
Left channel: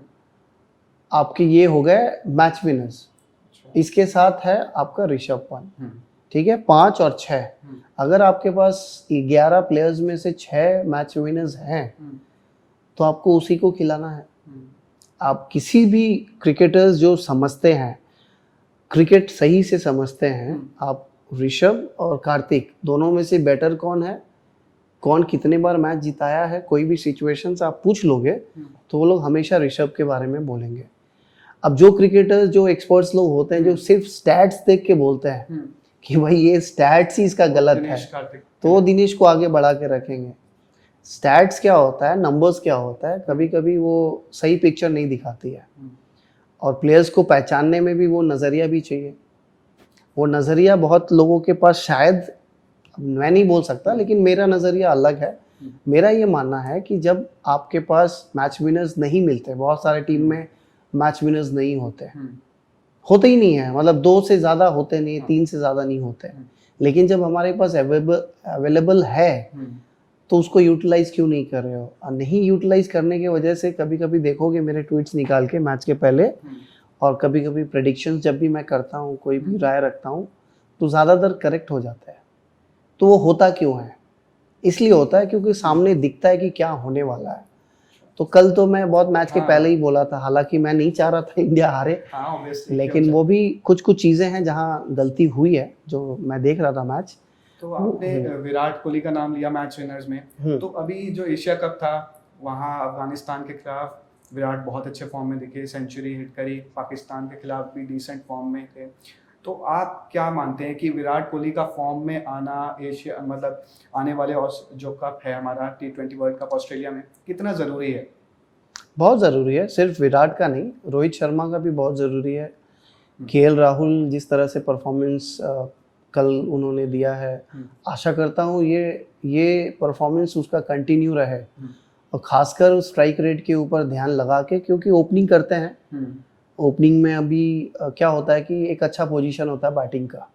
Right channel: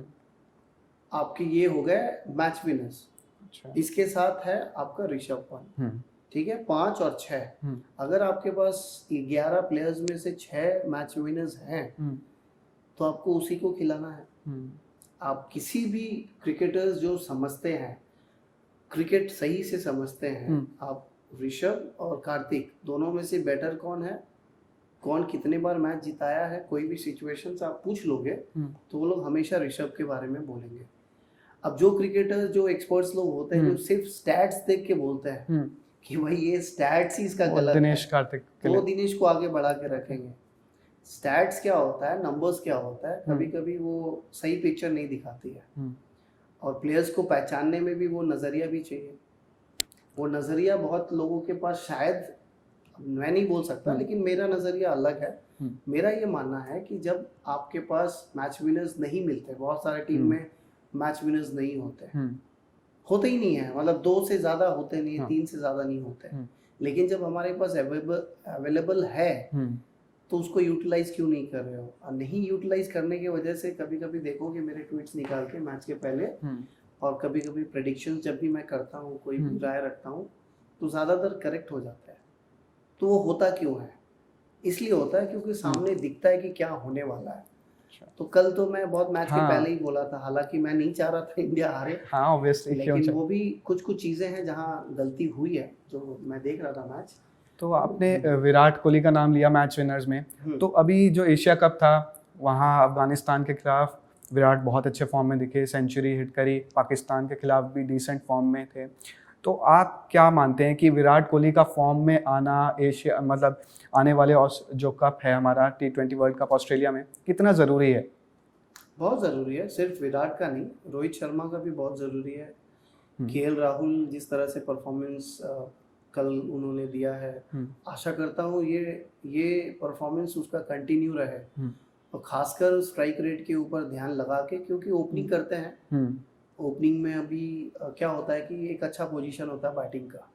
आपके ये हो गए मैच विनर्स। इसके साथ है आपका ऋषभ पंत, ठीक है, 5 और 6। अगर आपके पास 11 प्लेयर्स में से 6 मैच विनर्स हैं तो आपको उसी को खिलाना है। आप किसी भी क्रिकेटर्स जो समझते हैं, क्रिकेट सही से समझते हैं, आप ऋषभ और कार्तिक दोनों में से बेटर कौन है, कौन कितने बार मैच जिताया है, कोई भी सिचुएशन से आप पूछ लोगे तो वो लोग हमेशा ऋषभ के बारे में बोलेंगे। अब जो क्रिकेटर्स, जो एक्सपर्ट्स लोग होते हैं जो सिर्फ स्टैट्स देख के बोलते हैं कि भाई ये स्टैट्स ही इसका गलत है, तो वो दिनेश को आगे बढ़ा के रखेंगे। स्टैट्स क्या होता है, नंबर्स क्या होता है, कभी कभी वो सही पिक्चर नहीं दिखाती है। और प्लेयर्स को पहचानने में भी वो नज़रिया भी चाहिए। वो नज़रिया बहुत लोगों के पास, शायद मैं नहीं बोल सकता, लेकिन मेरा नज़रिया अलग है। मेरा ये मानना है कि जब आपके पास मैच विनर्स नहीं मिलते, बहुत सारे टीम में मैच विनर्स नहीं होते, होते ही नहीं है, मतलब 2 से ज़्यादा होते नहीं, 3 से ज़्यादा नहीं होते। लेकिन जब हमारे पास अवेलेबल है तो उसको यूटिलाइज क्यों नहीं कर रहे हो? और नहीं यूटिलाइज करने की वजह से कभी कभी देखोगे मेरे ट्वीट्स निकाल के मैच के पहले, और कभी कभी प्रेडिक्शंस जब भी मैं करता हूँ, कोई भी राय रखता हूँ, तो ज़्यादातर करेक्ट हो जाता है। तो वो होता क्यों है? इसलिए होता है क्योंकि सामने दिखता है कि क्या होने वाला है। तो कल तो मैं बहुत मैच के पहले ही बोला था, हालांकि मैं नहीं चाह रहा था इंडिया हारे, लेकिन वो भी कुछ चीज़ें हैं जहाँ गलती हुई है, जो मैं देख रहा था मैच। तो आपने विराट कोहली का नाम लिया मैच विनर्स में, तो अभी जो एशिया कप था वहाँ अफगानिस्तान के खिलाफ विराट बहुत अच्छे फॉर्म में दिखे, सेंचुरी हिट करी, पाकिस्तान के खिलाफ भी डिसेंट फॉर्म में थे। तो आप क्या मानते हैं कि विराट कोहली का फॉर्म में आना एशिया मतलब आने वाले जो कप है हमारा T20 वर्ल्ड कप ऑस्ट्रेलिया में, कितना ज़रूरी है? बहुत ज़रूरी है, सिर्फ विराट का नहीं, रोहित शर्मा का भी बहुत ज़रूरी है। केएल राहुल जिस तरह से परफॉर्मेंस कल उन्होंने दिया है, आशा करता हूँ ये परफॉर्मेंस उसका कंटिन्यू रहे, और खासकर स्ट्राइक रेट के ऊपर ध्यान लगा के, क्योंकि ओपनिंग करते हैं, ओपनिंग में अभी क्या होता है कि एक अच्छा पोजीशन होता है बैटिंग का,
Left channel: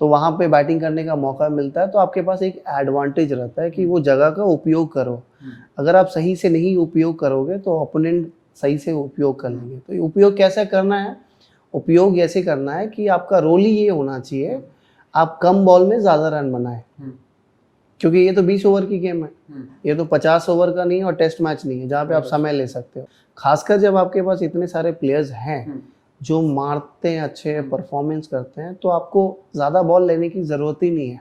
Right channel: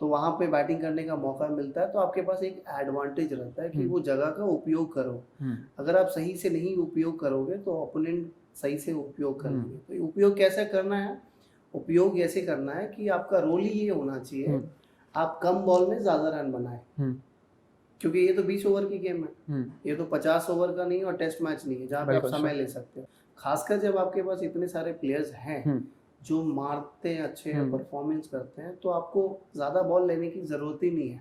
तो वहाँ पे बैटिंग करने का मौका मिलता है, तो आपके पास एक एडवांटेज रहता है कि वो जगह का उपयोग करो। अगर आप सही से नहीं उपयोग करोगे तो ओपोनेंट सही से उपयोग कर लेंगे। तो उपयोग कैसे करना है? उपयोग ऐसे करना है कि आपका रोल ही ये होना चाहिए, आप कम बॉल में ज़्यादा रन बनाएं, क्योंकि ये तो 20 ओवर की गेम है, ये तो 50 ओवर का नहीं है, और टेस्ट मैच नहीं है जहाँ पे आप समय ले सकते हो। खासकर जब आपके पास इतने सारे प्लेयर्स हैं जो मारते हैं, अच्छे परफॉर्मेंस करते हैं, तो आपको ज़्यादा बॉल लेने की ज़रूरत ही नहीं है।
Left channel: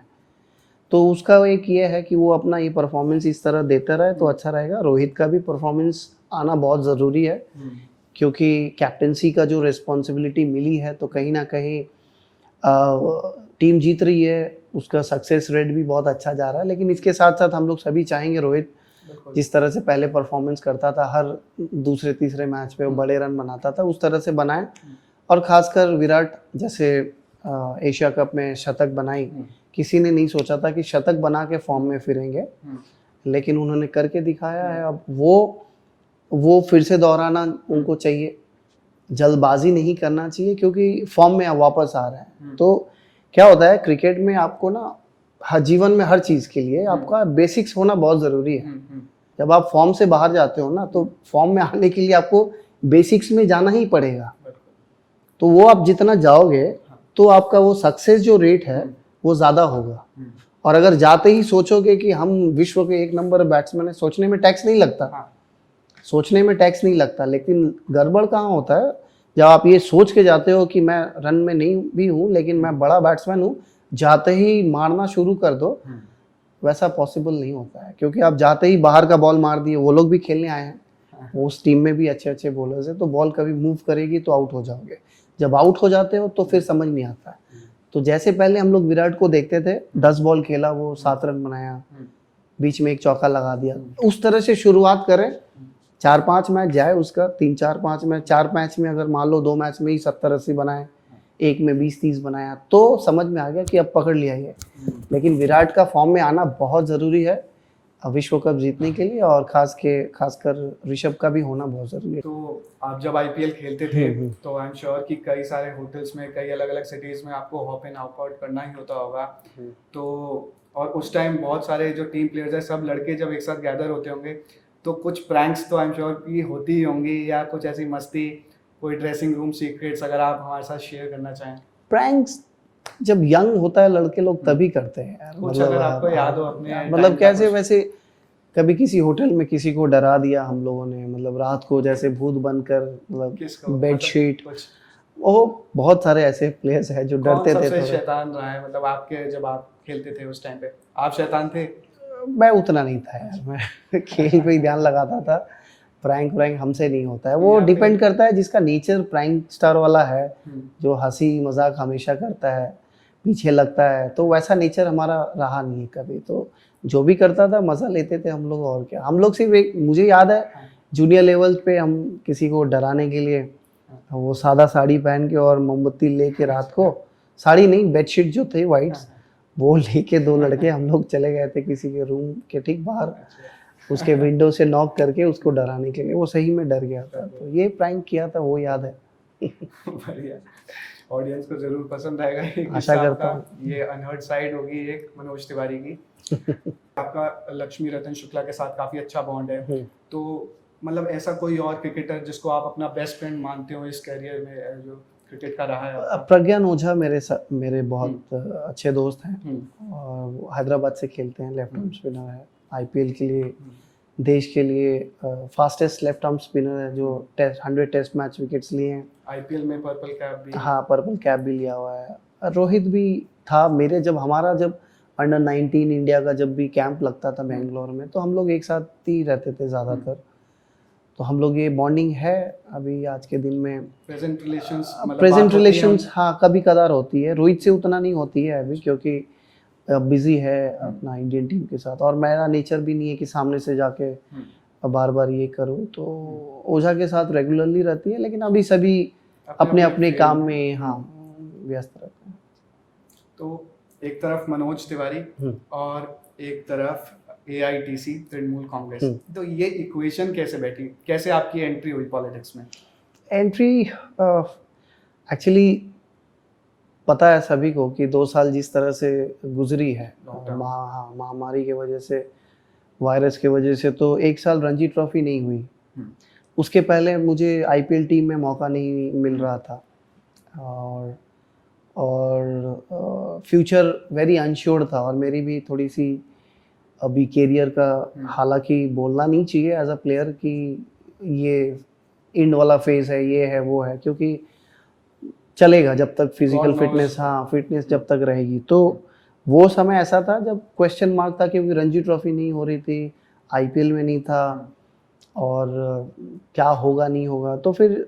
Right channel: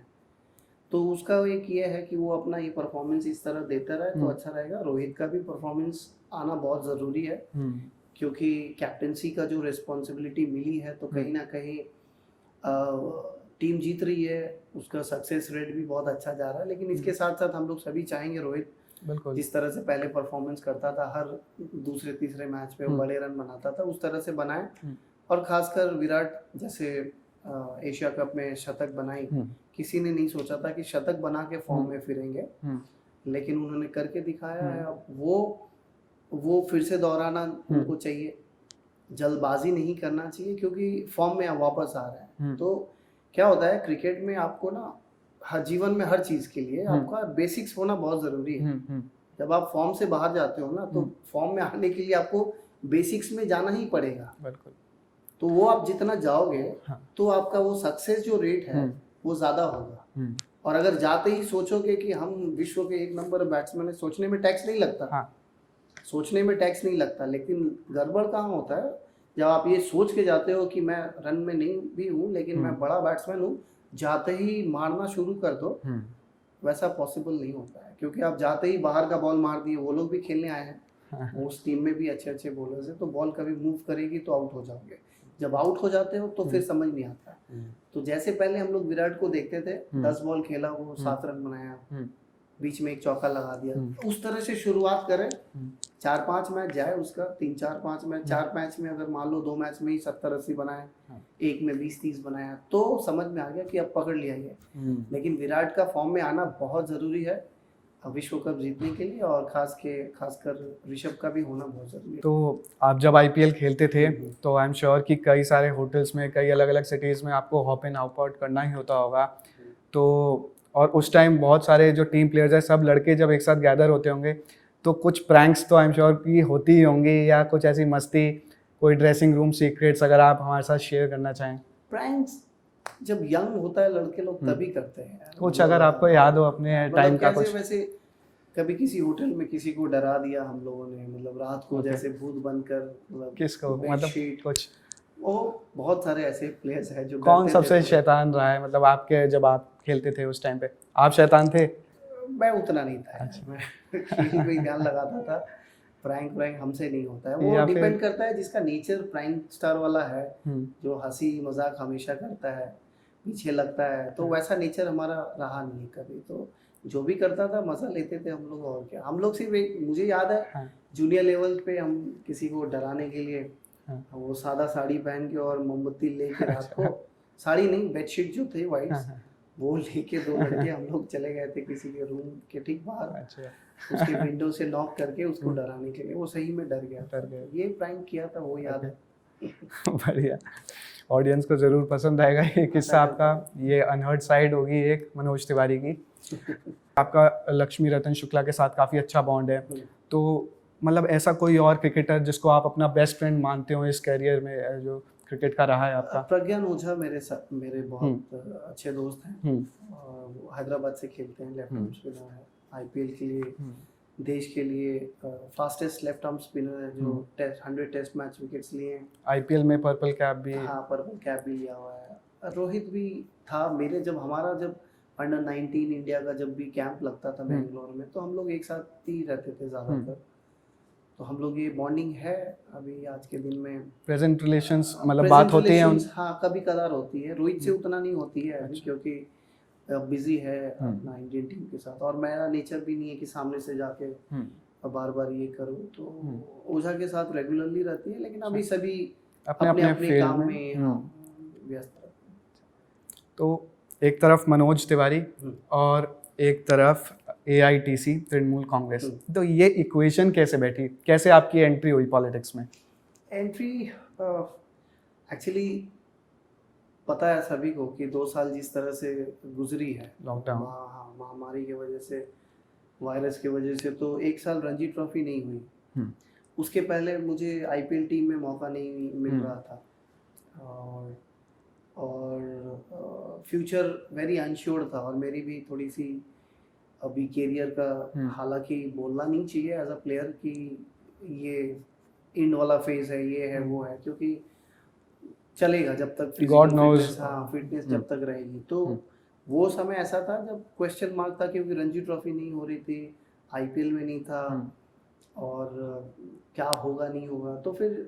तो उसका एक ये है कि वो अपना ये परफॉर्मेंस इस तरह देता रहे तो अच्छा रहेगा। रोहित का भी परफॉर्मेंस आना बहुत ज़रूरी है, क्योंकि कैप्टेंसी का जो रिस्पॉन्सिबिलिटी मिली है, तो कहीं ना कहीं टीम जीत रही है, उसका सक्सेस रेट भी बहुत अच्छा जा रहा है। लेकिन इसके साथ साथ हम लोग सभी चाहेंगे रोहित जिस तरह से पहले परफॉर्मेंस करता था, हर दूसरे तीसरे मैच पे वो बड़े रन बनाता था, उस तरह से बनाए। और खासकर विराट जैसे एशिया कप में शतक बनाई, किसी ने नहीं सोचा था कि शतक बना के फॉर्म में फिरेंगे, लेकिन उन्होंने करके दिखाया है। अब वो फिर से दोहराना उनको चाहिए, जल्दबाजी नहीं करना चाहिए, क्योंकि फॉर्म में वापस आ रहे हैं। तो क्या होता है क्रिकेट में, आपको ना हर जीवन में हर चीज़ के लिए आपका बेसिक्स होना बहुत ज़रूरी है। जब आप फॉर्म से बाहर जाते हो ना, तो फॉर्म में आने के लिए आपको बेसिक्स में जाना ही पड़ेगा। तो वो आप जितना जाओगे तो आपका वो सक्सेस जो रेट है वो ज़्यादा होगा। और अगर जाते ही सोचोगे कि हम विश्व के 1 नंबर बैट्समैन है, सोचने में टैक्स नहीं लगता, सोचने में टैक्स नहीं लगता। लेकिन गड़बड़ कहाँ होता है, जब आप ये सोच के जाते हो कि मैं रन में नहीं भी हूँ लेकिन मैं बड़ा बैट्समैन हूँ, जाते ही मारना शुरू कर दो, वैसा पॉसिबल नहीं होता है। क्योंकि आप जाते ही बाहर का बॉल मार दिए, वो लोग भी खेलने आए हैं, उस टीम में भी अच्छे अच्छे बॉलर्स हैं, तो बॉल कभी मूव करेगी तो आउट हो जाओगे। जब आउट हो जाते हो तो फिर समझ नहीं आता है। तो जैसे पहले हम लोग विराट को देखते थे, 10 बॉल खेला, वो 7 रन बनाया, बीच में एक चौका लगा दिया, उस तरह से शुरुआत करें। 4-5 मैच जाए उसका, 3-4-5 मैच, 4 मैच में अगर मान लो 2 मैच में ही 70-80 बनाए, एक में 20-30 बनाया, तो समझ में आ गया कि अब पकड़ लिया ये। लेकिन विराट का फॉर्म में आना बहुत ज़रूरी है विश्व कप जीतने के लिए, और खासकर ऋषभ का भी होना बहुत ज़रूरी है। तो आप जब IPL खेलते थे तो आई एम श्योर कि कई सारे होटल्स में, कई अलग अलग सिटीज़ में आपको हॉप इन हॉप आउट करना ही होता होगा। तो और उस टाइम बहुत सारे जो टीम प्लेयर्स हैं, सब लड़के जब एक साथ गैदर होते होंगे, तो कुछ प्रैंक्स तो आई एम श्योर कि होती ही होंगी, या कुछ ऐसी मस्ती, कोई ड्रेसिंग रूम सीक्रेट्स अगर आप हमारे साथ शेयर करना चाहें। प्रैंक्स जब यंग होता है लड़के लोग तभी करते हैं यार। कुछ अगर आपको याद हो अपने मतलब कैसे, वैसे कभी किसी होटल में किसी को डरा दिया हम लोगों ने, मतलब रात को जैसे भूत बनकर, मतलब बेडशीट, वो बहुत सारे ऐसे प्लेयर्स हैं जो डरते थे। कौन सबसे शैतान रहा है, मतलब आपके जब आप खेलते थे उस टाइम पे, आप शैतान थे? मैं उतना नहीं था यार, मैं खेल पे ही ध्यान लगाता था। प्रैंक हमसे नहीं होता है, वो डिपेंड करता है जिसका नेचर प्रैंक स्टार वाला है, जो हंसी मजाक हमेशा करता है, पीछे लगता है, तो वैसा नेचर हमारा रहा नहीं कभी। तो जो भी करता था मज़ा लेते थे हम लोग, और क्या। हम लोग सिर्फ एक, मुझे याद है जूनियर लेवल पे हम किसी को डराने के लिए वो सादा साड़ी पहन के और मोमबत्ती लेके रात को, साड़ी नहीं बेडशीट जो थी वाइट, वो लेके दो लड़के हम लोग चले गए थे किसी के रूम के ठीक बाहर, उसके विंडो से नॉक करके उसको डराने के लिए। वो सही में डर गया था। तो ये प्रैंक किया था, वो याद है। बढ़िया, ऑडियंस को जरूर पसंद आएगा ये किस्सा आपका। ये अनहर्ड साइड होगी एक मनोज तिवारी की। आपका लक्ष्मी रतन शुक्ला के साथ काफी अच्छा बॉन्ड है, तो मतलब ऐसा कोई और क्रिकेटर जिसको आप अपना बेस्ट फ्रेंड मानते हो इस कैरियर में जो क्रिकेट का रहा है आपका? प्रज्ञान ओझा मेरे बहुत अच्छे दोस्त हैं और वो हैदराबाद से खेलते हैं, लेफ्ट आर्म स्पिनर है, आईपीएल के लिए देश के लिए फास्टेस्ट लेफ्ट आर्म स्पिनर है जो 100 टेस्ट मैच विकेट्स लिए हैं। आईपीएल में पर्पल कैप भी, हाँ पर्पल कैप भी लिया हुआ है। रोहित भी था मेरे, जब अंडर 19 इंडिया का जब भी कैंप लगता था बेंगलोर में, तो हम लोग एक साथ ही रहते थे ज़्यादातर। तो हम लोग ये बॉन्डिंग है अभी आज के दिन में। प्रेजेंट रिलेशंस हाँ कभी कदार होती है। रोहित से उतना नहीं होती है अभी क्योंकि बिजी है अपना इंडियन टीम के साथ, और मेरा नेचर भी नहीं है कि सामने से जाके बार बार ये करूँ। तो ओझा के साथ रेगुलरली रहती है, लेकिन अभी सभी अपने अपने काम में हाँ व्यस्त रहते हैं। तो एक तरफ मनोज तिवारी और एक तरफ AITC तृणमूल कांग्रेस, तो ये इक्वेशन कैसे बैठी, कैसे आपकी एंट्री हुई पॉलिटिक्स में? एंट्री एक्चुअली पता है सभी को कि 2 साल जिस तरह से गुजरी है महामारी के वजह से, वायरस के वजह से, तो 1 साल रणजी ट्रॉफी नहीं हुई। उसके पहले मुझे आईपीएल टीम में मौका नहीं मिल रहा था और फ्यूचर वेरी अनश्योर था, और मेरी भी थोड़ी सी अभी कैरियर का, हालांकि बोलना नहीं चाहिए एज अ प्लेयर कि ये एंड वाला फेज है, ये है वो है, क्योंकि चलेगा जब तक फिजिकल फिटनेस जब तक रहेगी। तो वो समय ऐसा था जब क्वेश्चन मार्क था क्योंकि रणजी ट्रॉफी नहीं हो रही थी, आईपीएल में नहीं था, और क्या होगा नहीं होगा। तो फिर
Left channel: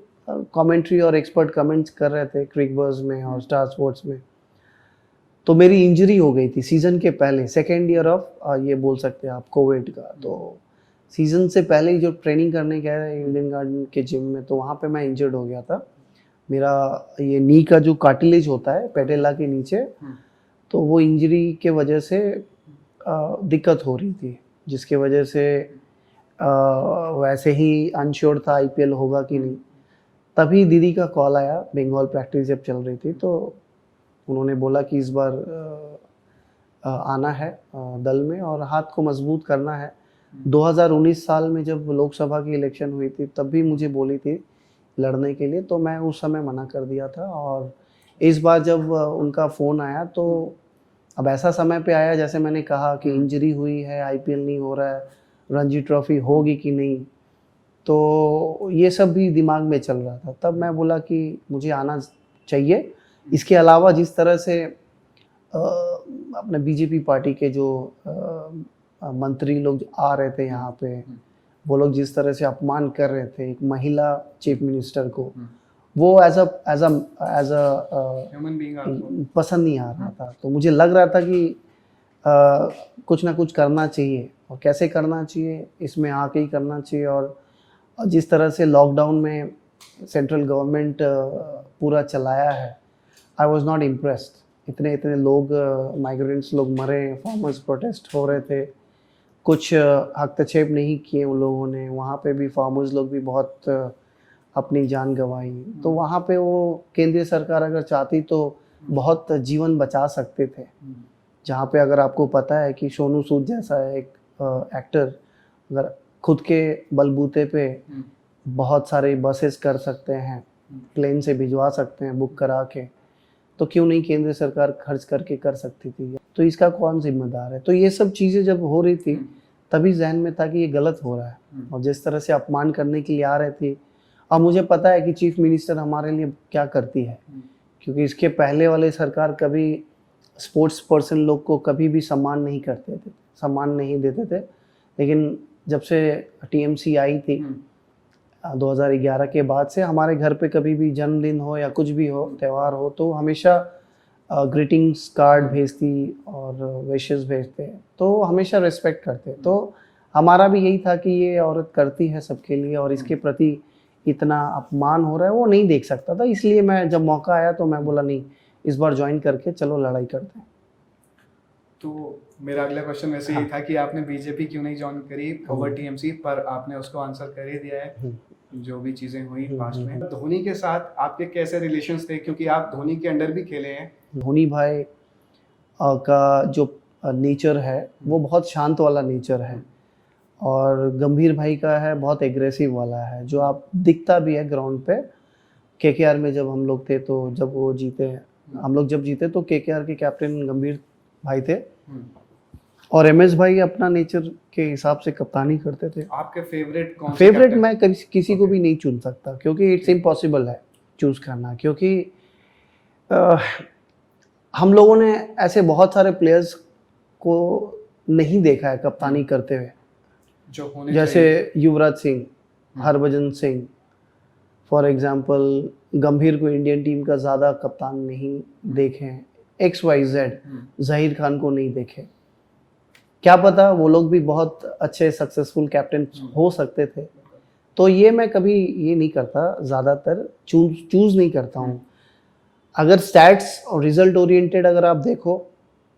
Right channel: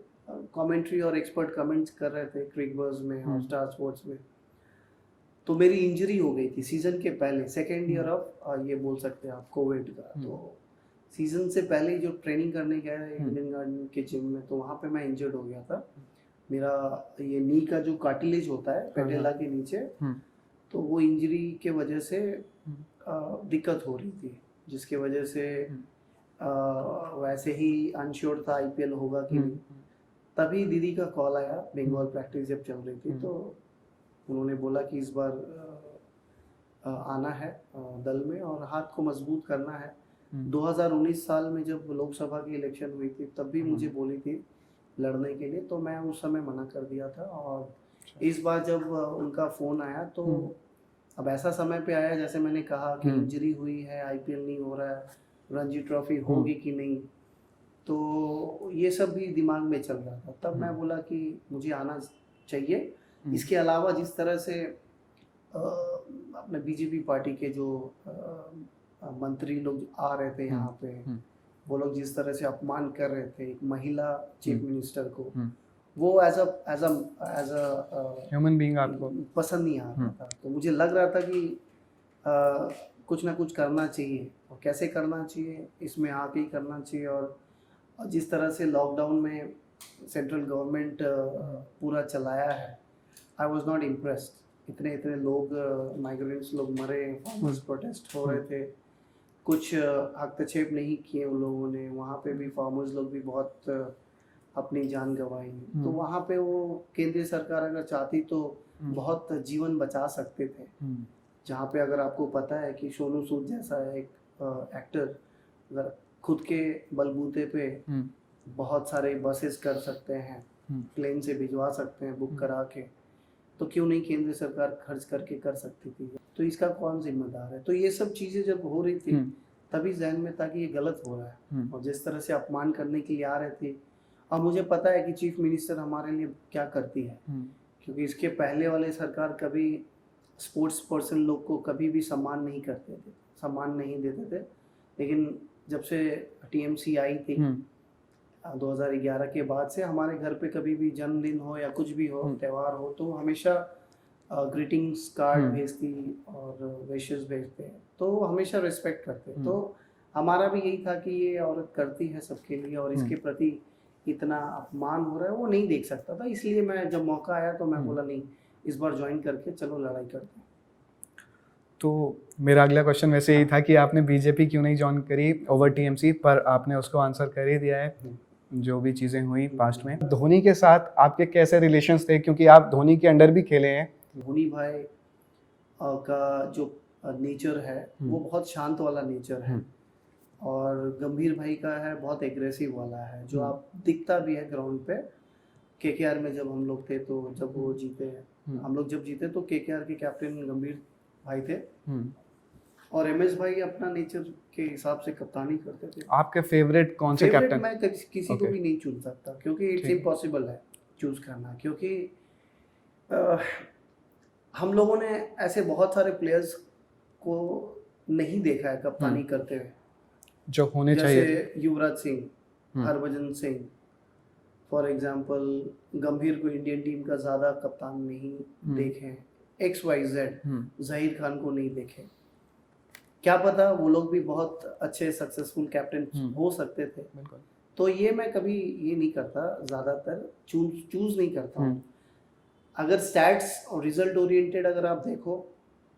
कमेंट्री और एक्सपर्ट कमेंट्स कर रहे थे क्रिकबज़ में और स्टार स्पोर्ट्स में। तो मेरी इंजरी हो गई थी सीज़न के पहले, सेकेंड ईयर ऑफ ये बोल सकते हैं आप कोविड का। तो सीज़न से पहले ही जो ट्रेनिंग करने गया इंडियन गार्डन के जिम में, तो वहाँ पे मैं इंजर्ड हो गया था। मेरा ये नी का जो कार्टिलेज होता है पेटेला के नीचे, तो वो इंजरी के वजह से दिक्कत हो रही थी, जिसके वजह से वैसे ही अनश्योर था आईपीएल होगा कि नहीं। तभी दीदी का कॉल आया, बंगाल प्रैक्टिस जब चल रही थी, तो उन्होंने बोला कि इस बार आना है दल में और हाथ को मजबूत करना है। 2019 साल में जब लोकसभा की इलेक्शन हुई थी तब भी मुझे बोली थी लड़ने के लिए, तो मैं उस समय मना कर दिया था। और इस बार जब उनका फ़ोन आया तो अब ऐसा समय पे आया जैसे मैंने कहा कि इंजरी हुई है, आईपीएल नहीं हो रहा है, रणजी ट्रॉफी होगी कि नहीं, तो ये सब भी दिमाग में चल रहा था। तब मैं बोला कि मुझे आना चाहिए। इसके अलावा जिस तरह से अपने बीजेपी पार्टी के जो मंत्री लोग आ रहे थे यहाँ पे, वो लोग जिस तरह से अपमान कर रहे थे एक महिला चीफ मिनिस्टर को, वो एज अ ह्यूमन बीइंग आपको पसंद नहीं आ रहा था। तो मुझे लग रहा था कि कुछ ना कुछ करना चाहिए, और कैसे करना चाहिए, इसमें आके ही करना चाहिए। और जिस तरह से लॉकडाउन में सेंट्रल गवर्नमेंट पूरा चलाया है, आई वॉज नॉट इम्प्रेस्ड। इतने लोग माइग्रेंट्स लोग मरे, फार्मर्स प्रोटेस्ट हो रहे थे, कुछ हस्तक्षेप नहीं किए उन लोगों ने। वहाँ पे भी फार्मर्स लोग भी बहुत अपनी जान गंवाई। तो वहाँ पे वो केंद्रीय सरकार अगर चाहती तो बहुत जीवन बचा सकते थे। जहाँ पे अगर आपको पता है कि सोनू सूद जैसा एक एक्टर अगर खुद के बलबूते पे बहुत सारे बसेस कर सकते हैं, प्लेन से भिजवा सकते हैं बुक करा के, तो क्यों नहीं केंद्र सरकार खर्च करके कर सकती थी? तो इसका कौन जिम्मेदार है? तो ये सब चीज़ें जब हो रही थी तभी जहन में था कि ये गलत हो रहा है। और जिस तरह से अपमान करने के लिए आ रहे थे, अब मुझे पता है कि चीफ मिनिस्टर हमारे लिए क्या करती है, क्योंकि इसके पहले वाले सरकार कभी स्पोर्ट्स पर्सन लोग को कभी भी सम्मान नहीं करते थे, सम्मान नहीं देते थे। लेकिन जब से टीएमसी आई थी 2011 के बाद से, हमारे घर पे कभी भी जन्मदिन हो या कुछ भी हो, त्यौहार हो, तो हमेशा ग्रीटिंग्स कार्ड भेजती और विशेस भेजते, तो हमेशा रिस्पेक्ट करते। तो हमारा भी यही था कि ये औरत करती है सबके लिए, और इसके प्रति इतना अपमान हो रहा है वो नहीं देख सकता था। इसलिए मैं जब मौका आया तो मैं बोला नहीं, इस बार ज्वाइन करके चलो लड़ाई करते हैं। तो मेरा अगला क्वेश्चन वैसे यही था कि आपने बीजेपी क्यों नहीं ज्वाइन करी ओवर टीएमसी, पर आपने उसको आंसर कर ही दिया है। जो भी चीज़ें हुई पास्ट में। धोनी के साथ आपके कैसे रिलेशंस थे, क्योंकि आप धोनी के अंडर भी खेले हैं? धोनी भाई का जो नेचर है वो बहुत शांत वाला नेचर है, और गंभीर भाई का है बहुत एग्रेसिव वाला है, जो आप दिखता भी है ग्राउंड पे। केकेआर में जब हम लोग थे, तो जब वो जीते, हम लोग जब जीते तो केकेआर के कैप्टन गंभीर भाई थे, और एमएस भाई अपना नेचर के हिसाब से कप्तानी करते थे। आपके फेवरेट कौन से फेवरेट कैप्टन? मैं किसी को भी नहीं चुन सकता, क्योंकि इट्स इम्पॉसिबल है चूज करना, क्योंकि हम लोगों ने ऐसे बहुत सारे प्लेयर्स को नहीं देखा है कप्तानी करते हुए, जो होने जैसे चाहिए। Yuvraj Singh, Harbhajan Singh for example. गंभीर को इंडियन टीम का ज़्यादा कप्तान नहीं देखे हैं। XYZ जहीर खान को नहीं देखे। क्या पता वो लोग भी बहुत अच्छे सक्सेसफुल कैप्टन हो सकते थे। तो ये मैं कभी ये नहीं करता, ज़्यादातर चूज नहीं करता हूँ। अगर स्टैट्स और रिजल्ट ओरिएंटेड अगर आप देखो,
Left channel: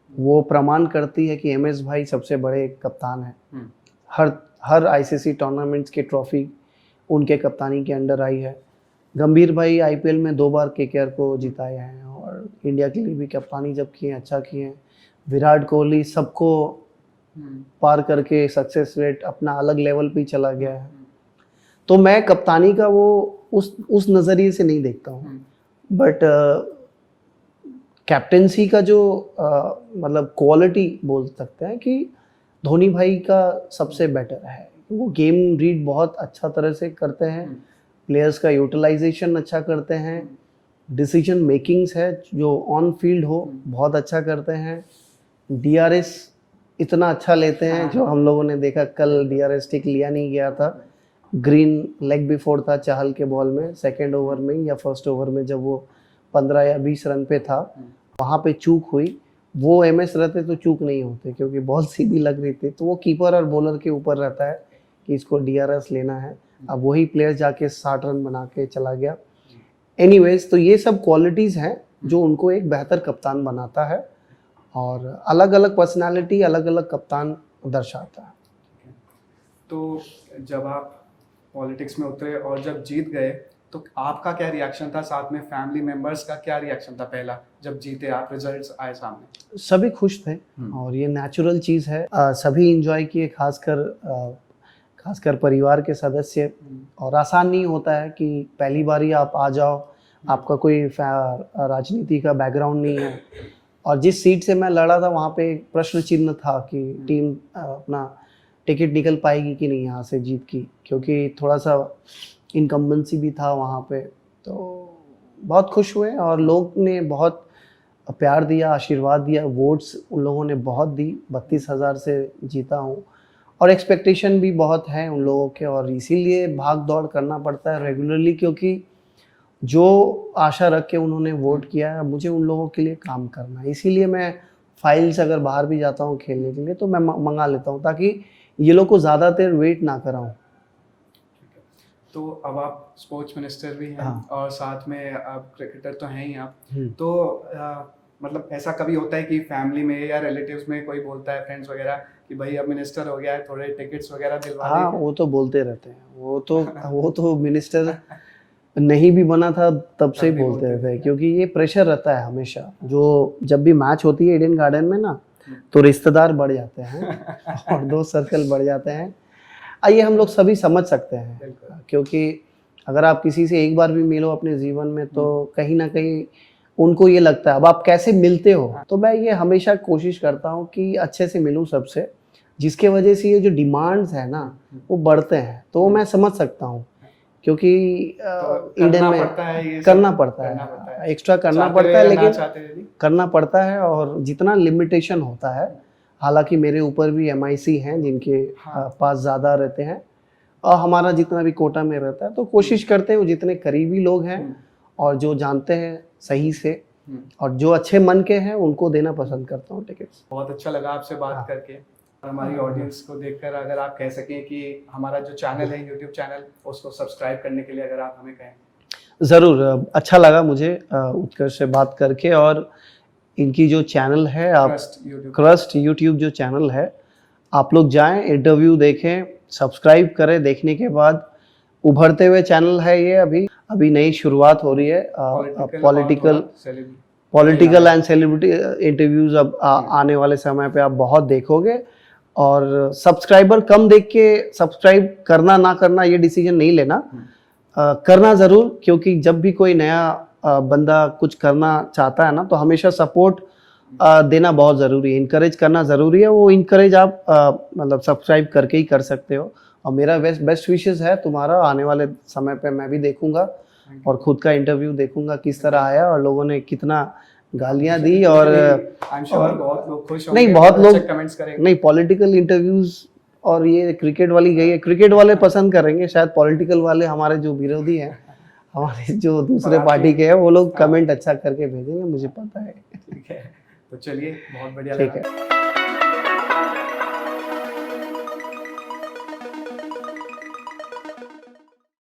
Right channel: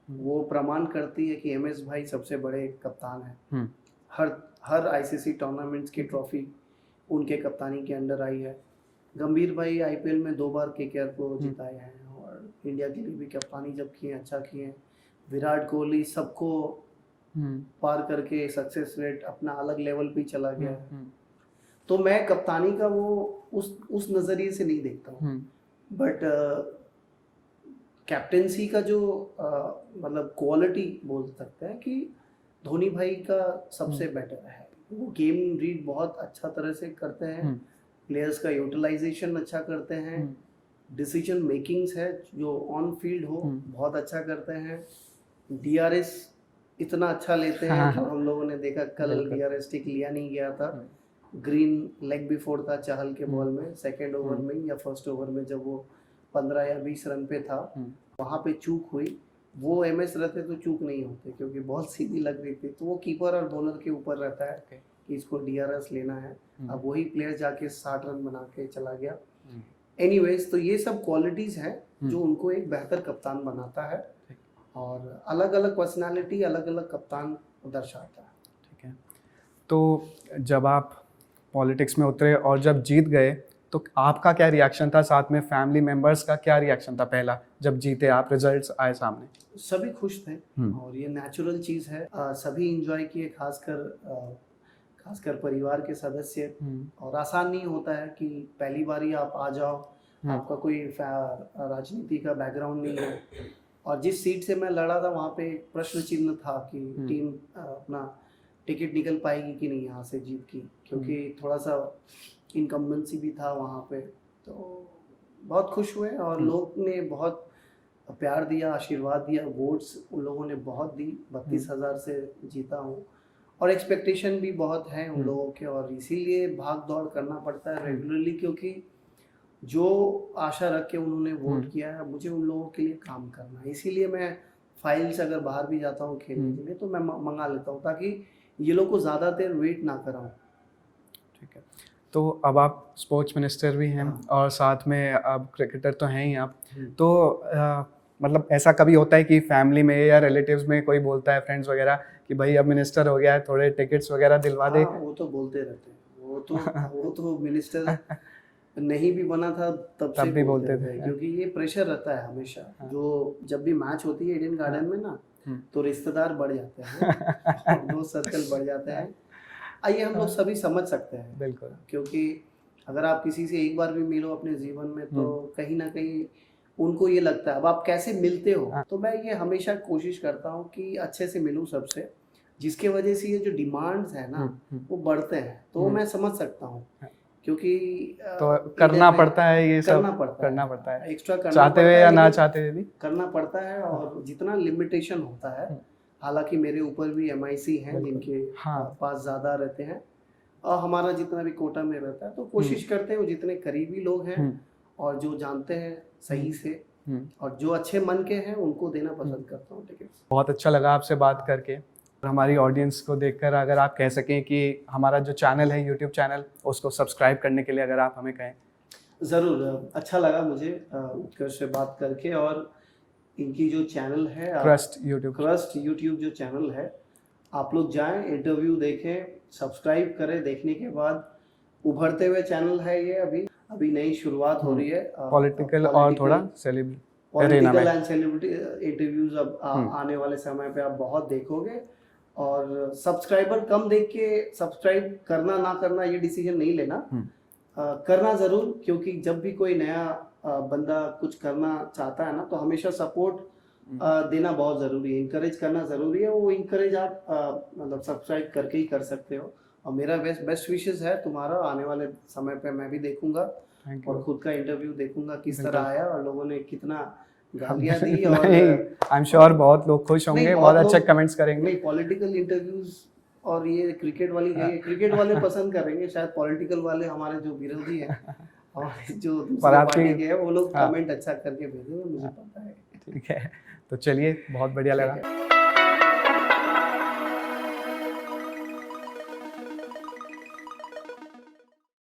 वो प्रमाण करती है कि एमएस भाई सबसे बड़े कप्तान हैं। हर आईसीसी टूर्नामेंट्स की ट्रॉफी उनके कप्तानी के अंडर आई है। गंभीर भाई आईपीएल में 2 बार केकेआर को जिताए हैं, और इंडिया के लिए भी कप्तानी जब किए अच्छा किए हैं। विराट कोहली सबको पार करके सक्सेस रेट अपना अलग लेवल पे चला गया है। तो मैं कप्तानी का वो उस नज़रिए से नहीं देखता हूँ, बट कैप्टेंसी का जो मतलब क्वालिटी बोल सकते हैं कि धोनी भाई का सबसे बेटर है। वो गेम रीड बहुत अच्छा तरह से करते हैं, प्लेयर्स का यूटिलाइजेशन अच्छा करते हैं, डिसीजन मेकिंग्स है जो ऑन फील्ड हो बहुत अच्छा करते हैं, डीआरएस इतना अच्छा लेते हैं जो हम लोगों ने देखा कल डीआरएस टिक लिया नहीं गया था। ग्रीन लेग बिफोर था चाहल के बॉल में, सेकेंड ओवर में या फर्स्ट ओवर में, जब वो 15 या 20 रन पे था, वहाँ पे चूक हुई। वो एमएस रहते तो चूक नहीं होते, क्योंकि बॉल सीधी लग रही थी। तो वो कीपर और बॉलर के ऊपर रहता है कि इसको डीआरएस लेना है। अब वही प्लेयर जाके 60 रन बना के चला गया। एनीवेज, तो ये सब क्वालिटीज़ हैं जो उनको एक बेहतर कप्तान बनाता है, और अलग अलग पर्सनालिटी अलग अलग कप्तान दर्शाता है। ठीक है। तो जब आप पॉलिटिक्स में उतरे और जब जीत गए, तो आपका क्या रिएक्शन था? साथ में फैमिली मेंबर्स का क्या रिएक्शन था पहला जब जीते आप, रिजल्ट्स आए सामने? सभी खुश थे, और ये नेचुरल चीज़ है। सभी इंजॉय किए, खासकर परिवार के सदस्य। और आसान नहीं होता है कि पहली बारी आप आ जाओ, आपका कोई राजनीति का बैकग्राउंड नहीं है, और जिस सीट से मैं लड़ा था वहाँ पे एक प्रश्न चिन्ह था कि टीम अपना टिकट निकल पाएगी कि नहीं यहाँ से जीत की, क्योंकि थोड़ा सा इनकम्बेंसी भी था वहाँ पे। तो बहुत खुश हुए, और लोग ने बहुत प्यार दिया, आशीर्वाद दिया, वोट्स उन लोगों ने बहुत दी। 32,000 से जीता हूँ, और एक्सपेक्टेशन भी बहुत है उन लोगों के, और इसीलिए भाग दौड़ करना पड़ता है रेगुलरली, क्योंकि जो आशा रख के उन्होंने वोट किया है, मुझे उन लोगों के लिए काम करना है। इसीलिए मैं फाइल्स अगर बाहर भी जाता हूँ खेलने के लिए तो मैं मंगा लेता हूँ, ताकि ये लोग को ज़्यादा देर वेट ना कराऊँ। ठीक है। तो अब आप स्पोर्ट्स मिनिस्टर भी हैं, और साथ में अब क्रिकेटर तो हैं ही आप। तो मतलब ऐसा कभी होता है कि फैमिली में या रिलेटिव्स में कोई बोलता है, फ्रेंड्स वगैरह, कि भाई अब मिनिस्टर हो गया है, थोड़े टिकट्स वगैरह दिलवा दे? वो तो बोलते रहते हैं, वो तो मिनिस्टर नहीं भी बना था तब से ही बोलते थे, क्योंकि ये प्रेशर रहता है हमेशा। जो जब भी मैच होती है ईडन गार्डन में ना, तो रिश्तेदार बढ़ जाते हैं और दोस्त सर्कल बढ़ जाते हैं। आइए हम लोग सभी समझ सकते हैं, क्योंकि अगर आप किसी से एक बार भी मिलो अपने जीवन में, तो कहीं ना कहीं उनको ये लगता है अब आप कैसे मिलते हो। तो मैं ये हमेशा कोशिश करता हूँ कि अच्छे से मिलूँ सबसे, जिसके वजह से ये जो डिमांड्स है ना वो बढ़ते हैं। तो मैं समझ सकता हूँ, क्योंकि करना पड़ता है, ये करना पड़ता है, एक्स्ट्रा करना पड़ता है, लेकिन करना पड़ता है, और जितना लिमिटेशन होता है। हालांकि मेरे ऊपर भी MIC हैं जिनके पास ज़्यादा रहते हैं, और हमारा जितना भी कोटा में रहता है, तो कोशिश करते हैं वो जितने करीबी लोग हैं और जो जानते हैं सही से, और जो अच्छे मन के हैं उनको देना पसंद करता हूँ टिकट्स। बहुत अच्छा लगा आपसे बात करके। हमारी ऑडियंस को देखकर अगर आप कह सकें कि हमारा जो चैनल है, यूट्यूब चैनल, उसको सब्सक्राइब करने के लिए अगर आप हमें कहें। ज़रूर, अच्छा लगा मुझे उत्कर्ष से बात करके, और इनकी जो चैनल है, आप ट्रस्ट यूट्यूब क्रस्ट यूट्यूब जो चैनल है, आप लोग जाएं, इंटरव्यू देखें, सब्सक्राइब करें। देखने के बाद उभरते हुए चैनल है ये, अभी नई शुरुआत हो रही है। पॉलिटिकल एंड सेलिब्रिटी इंटरव्यूज अब आने वाले समय पे आप बहुत देखोगे। और सब्सक्राइबर कम देख के सब्सक्राइब करना ना करना ये डिसीजन नहीं लेना, करना ज़रूर, क्योंकि जब भी कोई नया बंदा कुछ करना चाहता है ना, तो हमेशा सपोर्ट देना बहुत ज़रूरी है, इनकरेज करना ज़रूरी है। वो इनकरेज आप मतलब सब्सक्राइब करके ही कर सकते हो। और मेरा बेस्ट विशेस है तुम्हारा, आने वाले समय पे मैं भी देखूंगा और खुद का इंटरव्यू देखूंगा किस तरह आया और लोगों ने कितना गालियां दी। और आई एम श्योर बहुत लोग खुश होंगे, नहीं, बहुत लोग कमेंट्स करेंगे। नहीं, पॉलिटिकल इंटरव्यूज और ये क्रिकेट वाली गई है, क्रिकेट वाले पसंद करेंगे शायद, पॉलिटिकल वाले हमारे जो विरोधी हैं, हमारे जो दूसरे पार्टी के हैं, वो लोग कमेंट अच्छा करके भेजेंगे, मुझे पता है। ठीक है, तो चलिए, बहुत बढ़िया ठीक लगा। है।